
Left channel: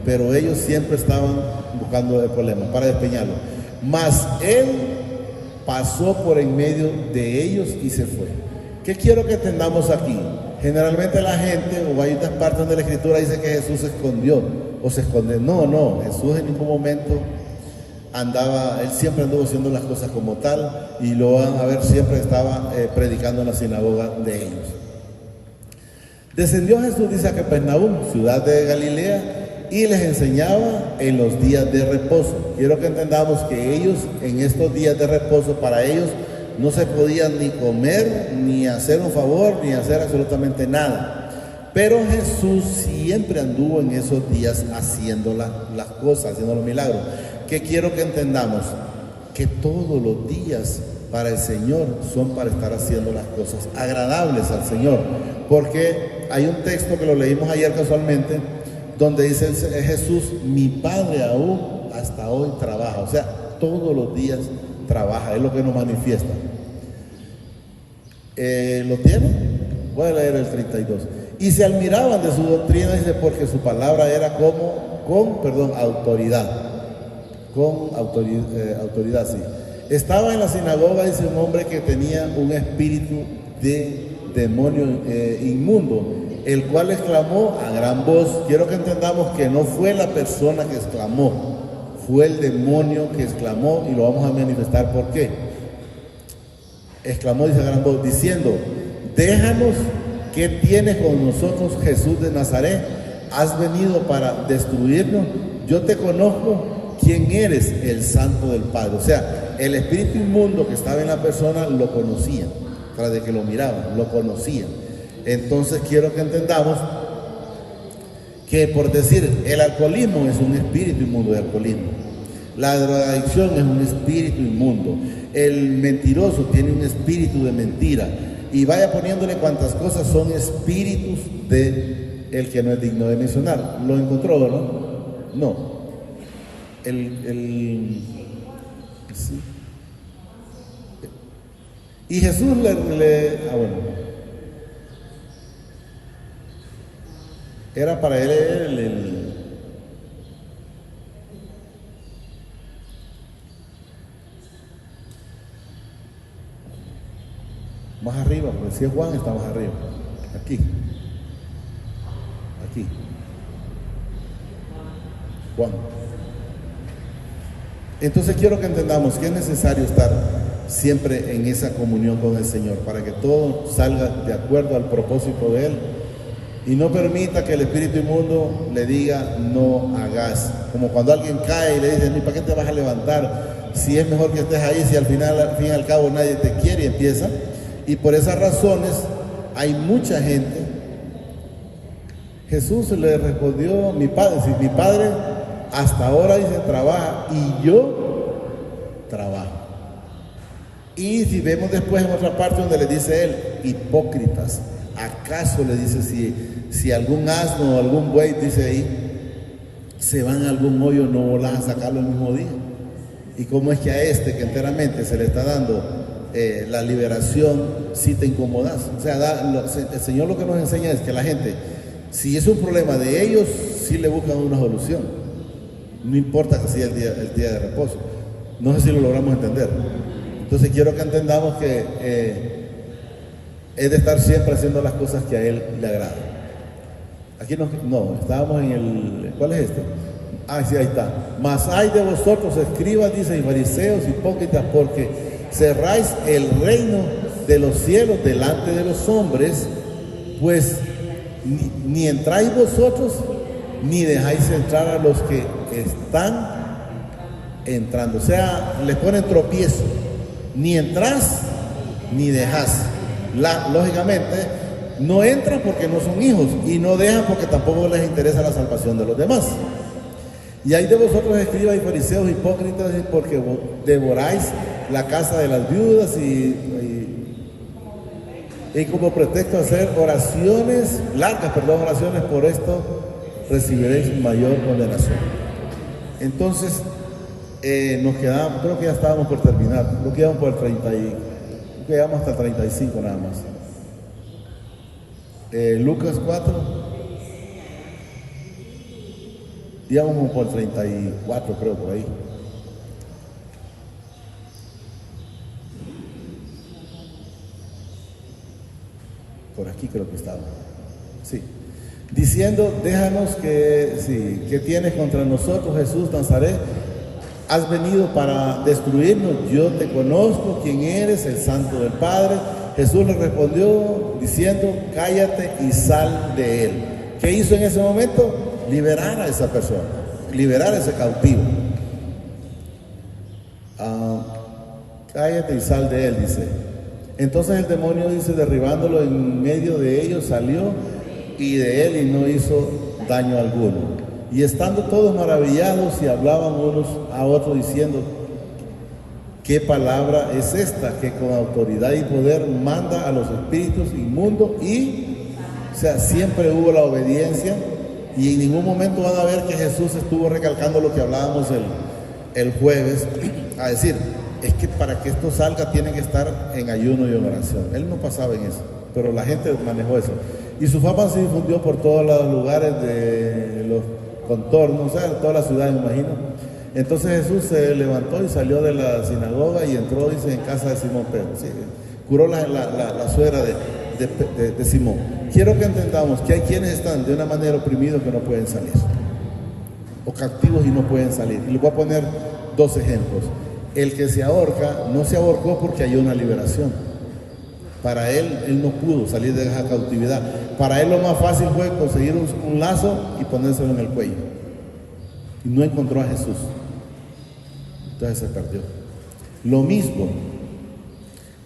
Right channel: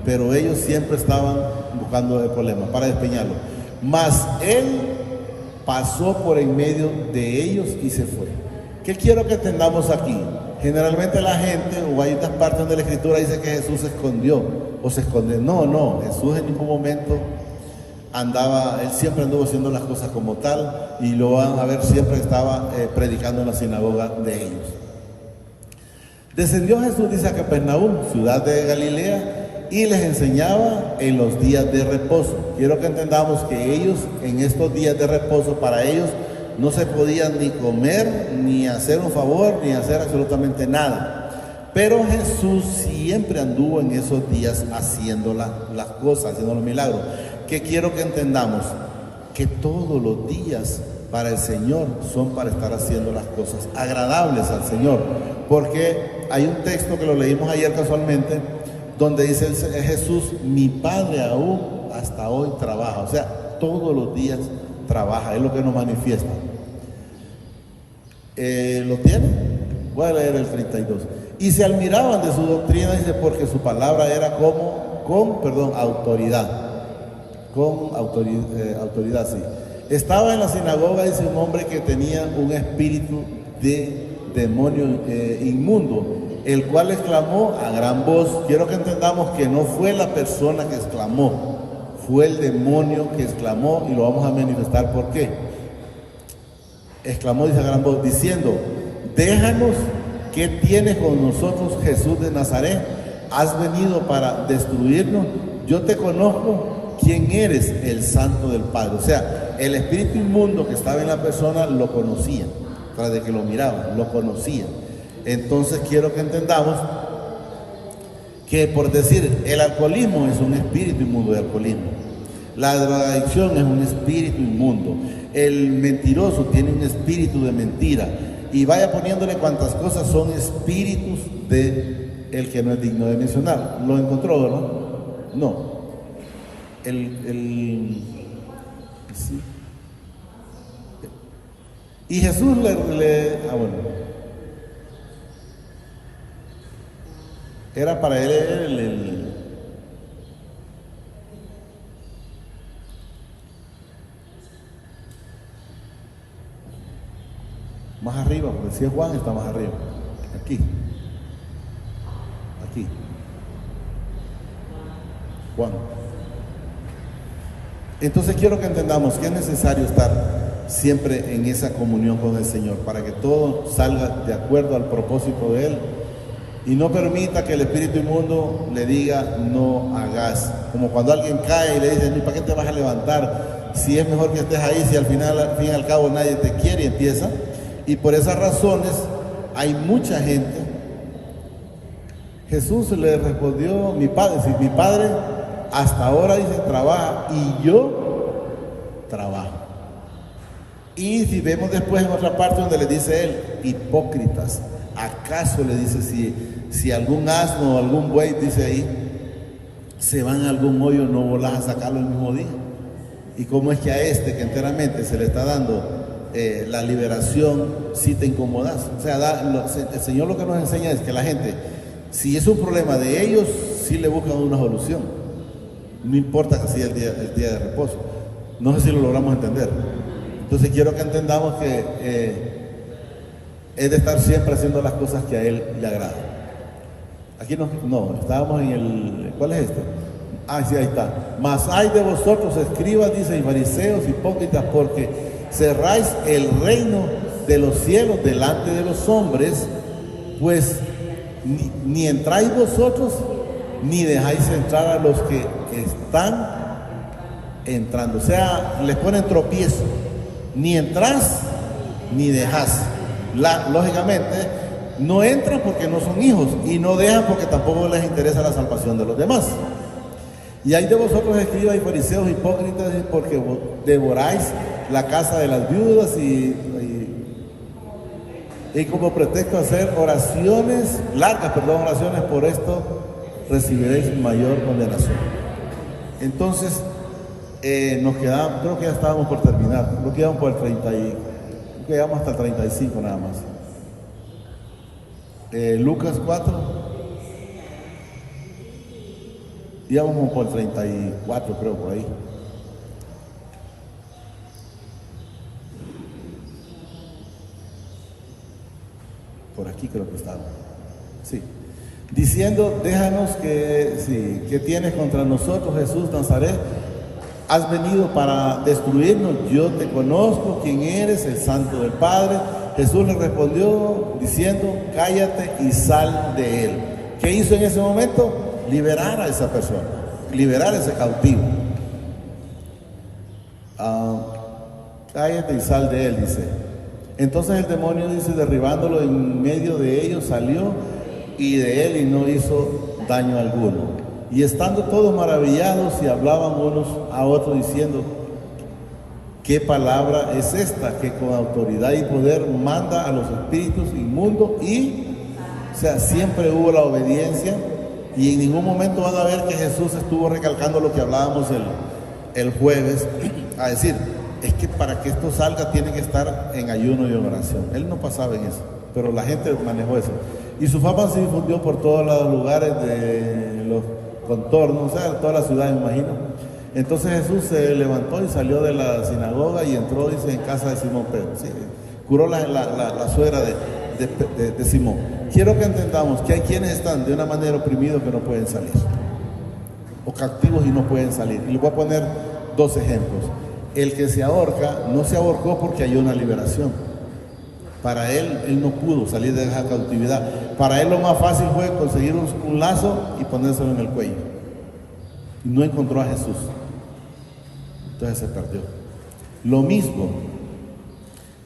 pero ellos siempre estaban buscando el problema para despeñarlo. Mas él pasó por en medio de ellos y se fue. ¿Qué quiero que entendamos aquí? Generalmente la gente, o hay otras partes donde la Escritura dice que Jesús se escondió o se esconde. No, Jesús en ningún momento él siempre anduvo haciendo las cosas como tal, y lo van a ver, siempre estaba predicando en la sinagoga de ellos. Descendió Jesús, dice, a Capernaum, ciudad de Galilea, y les enseñaba en los días de reposo. Quiero que entendamos que ellos, en estos días de reposo, para ellos no se podían ni comer, ni hacer un favor, ni hacer absolutamente nada. Pero Jesús siempre anduvo en esos días haciendo las cosas, haciendo los milagros. Que quiero que entendamos que todos los días para el Señor son para estar haciendo las cosas agradables al Señor. Porque hay un texto que lo leímos ayer casualmente, donde dice Jesús: mi Padre aún hasta hoy trabaja. O sea, todos los días trabaja, es lo que nos manifiesta. ¿Lo tiene? Voy a leer el 32. Y se admiraban de su doctrina, dice, porque su palabra era con autoridad. Con autoridad, sí. Estaba en la sinagoga, dice, un hombre que tenía un espíritu de demonio inmundo, el cual exclamó a gran voz. Quiero que entendamos que no fue la persona que exclamó, fue el demonio que exclamó, y lo vamos a manifestar por qué. Exclamó, dice, a gran voz, diciendo: déjanos, ¿qué tienes con nosotros, Jesús de Nazaret? ¿Has venido para destruirnos? Yo te conozco, quién eres, el Santo del Padre. O sea, el espíritu inmundo que estaba en la persona lo conocía, tras de que lo miraba, lo conocía. Entonces quiero que entendamos que, por decir, el alcoholismo es un espíritu inmundo de alcoholismo, la drogadicción es un espíritu inmundo, el mentiroso tiene un espíritu de mentira, y vaya poniéndole cuantas cosas son espíritus de el que no es digno de mencionar. ¿Lo encontró, no? No. Sí. Y Jesús era para él más arriba, decía Juan, está más arriba, aquí, Juan. Entonces quiero que entendamos que es necesario estar siempre en esa comunión con el Señor, para que todo salga de acuerdo al propósito de Él, y no permita que el espíritu inmundo le diga: no hagas. Como cuando alguien cae y le dice: ¿para qué te vas a levantar? Si es mejor que estés ahí, si al fin y al cabo nadie te quiere, empieza. Y por esas razones hay mucha gente. Jesús le respondió: mi padre hasta ahora, dice, trabaja, y yo trabajo. Y si vemos después en otra parte donde le dice él: hipócritas, ¿acaso, le dice, si algún asno o algún buey, dice ahí, se van a algún hoyo, no van a sacarlo el mismo día? Y cómo es que a este que enteramente se le está dando la liberación, si te incomodas. O sea, el Señor lo que nos enseña es que la gente, si es un problema de ellos, sí le buscan una solución. No importa que sea el día de reposo. No sé si lo logramos entender. Entonces quiero que entendamos que es de estar siempre haciendo las cosas que a Él le agradan. Aquí no, estábamos en el... ¿Cuál es este? Ah, sí, ahí está. Mas hay de vosotros, escribas, dice, y fariseos, hipócritas, porque cerráis el reino de los cielos delante de los hombres, pues ni entráis vosotros, ni dejáis entrar a los que están entrando. O sea, les ponen tropiezo. Ni entráis, ni dejás. Lógicamente, no entran porque no son hijos, y no dejan porque tampoco les interesa la salvación de los demás. Y hay de vosotros, escribas y fariseos, hipócritas, porque devoráis la casa de las viudas y como pretexto hacer oraciones por esto recibiréis mayor condenación. Entonces, nos quedamos, creo que ya estábamos por terminar, nos quedamos por el 30 y quedamos hasta el 35 nada más. Lucas 4, íbamos por el 34, creo, por ahí. Por aquí creo que estaba. diciendo: déjanos que tienes contra nosotros, Jesús Nazaret. Has venido para destruirnos, yo te conozco, quién eres, el Santo del Padre. Jesús le respondió diciendo: cállate y sal de él. ¿Qué hizo en ese momento? Liberar a esa persona, liberar a ese cautivo. Cállate y sal de él, dice. Entonces el demonio, dice, derribándolo en medio de ellos, salió y de él y no hizo daño alguno. Y estando todos maravillados y hablaban unos a otros diciendo: ¿qué palabra es esta que con autoridad y poder manda a los espíritus inmundos? O sea, siempre hubo la obediencia, y en ningún momento van a ver que Jesús estuvo recalcando lo que hablábamos el jueves, a decir: es que para que esto salga tiene que estar en ayuno y oración. Él no pasaba en eso, pero la gente manejó eso. Y su fama se difundió por todos los lugares de los contornos, o sea, toda la ciudad, me imagino. Entonces Jesús se levantó y salió de la sinagoga y entró, dice, en casa de Simón Pedro. Sí, curó la suegra de Simón. Quiero que entendamos que hay quienes están de una manera oprimidos que no pueden salir, o cautivos y no pueden salir. Y les voy a poner dos ejemplos. El que se ahorca no se ahorcó porque hay una liberación. Para él no pudo salir de esa cautividad. Para él lo más fácil fue conseguir un lazo y ponérselo en el cuello. Y no encontró a Jesús. Entonces se perdió. Lo mismo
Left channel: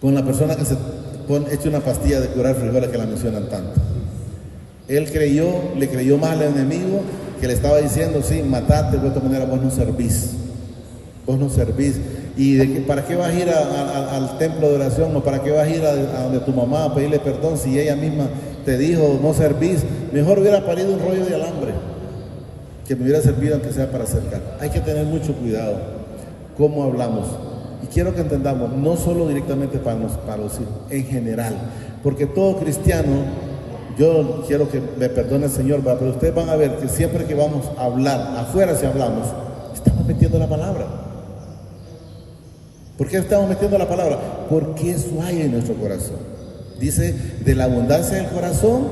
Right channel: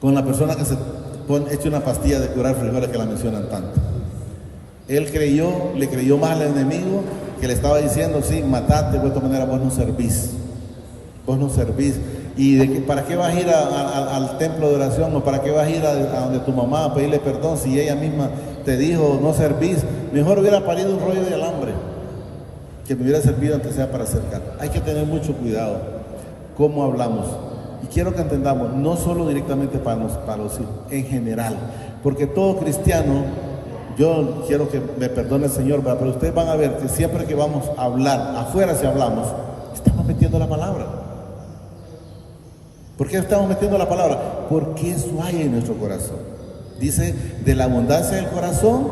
con la persona que se echa una pastilla de curar frijoles, que la mencionan tanto. Él le creyó más al enemigo, que le estaba diciendo: sí, mataste, de esta manera vos no servís. Vos no servís. ¿Y para qué vas a ir al templo de oración? ¿O para qué vas a ir a donde tu mamá a pedirle perdón si ella misma te dijo: no servís? Mejor hubiera parido un rollo de alambre que me hubiera servido, aunque sea para acercar. Hay que tener mucho cuidado cómo hablamos. Y quiero que entendamos, no solo directamente para los hijos, en general. Porque todo cristiano, yo quiero que me perdone el Señor, pero ustedes van a ver que siempre que vamos a hablar, afuera si hablamos, estamos metiendo la palabra. ¿Por qué estamos metiendo la palabra? Porque eso hay en nuestro corazón. Dice: de la abundancia del corazón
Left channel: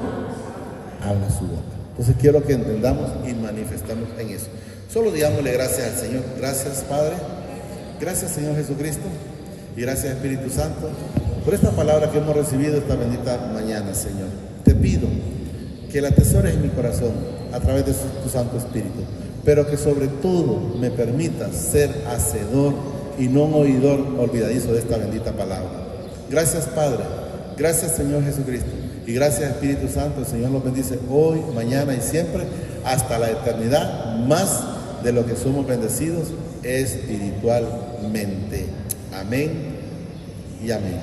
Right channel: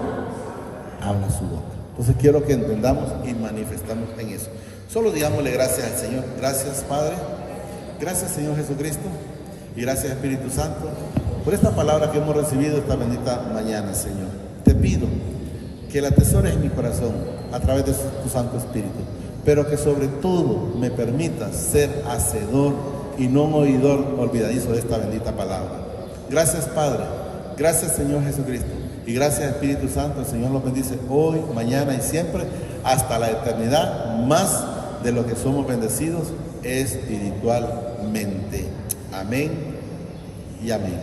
habla su boca. Entonces quiero que entendamos y manifestamos en eso. Solo digámosle gracias al Señor. Gracias, Padre. Gracias, Señor Jesucristo. Y gracias, Espíritu Santo, por esta palabra que hemos recibido esta bendita mañana, Señor. Te pido que la atesores en mi corazón a través de tu Santo Espíritu, pero que sobre todo me permitas ser hacedor y no un oidor olvidadizo de esta bendita palabra. Gracias, Padre. Gracias, Señor Jesucristo. Y gracias, Espíritu Santo. El Señor nos bendice hoy, mañana y siempre, hasta la eternidad, más de lo que somos bendecidos espiritualmente. Amén y amén.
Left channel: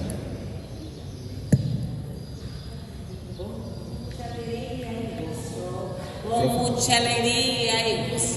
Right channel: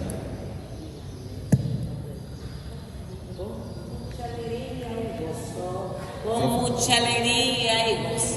Con mucha alegría y gozo.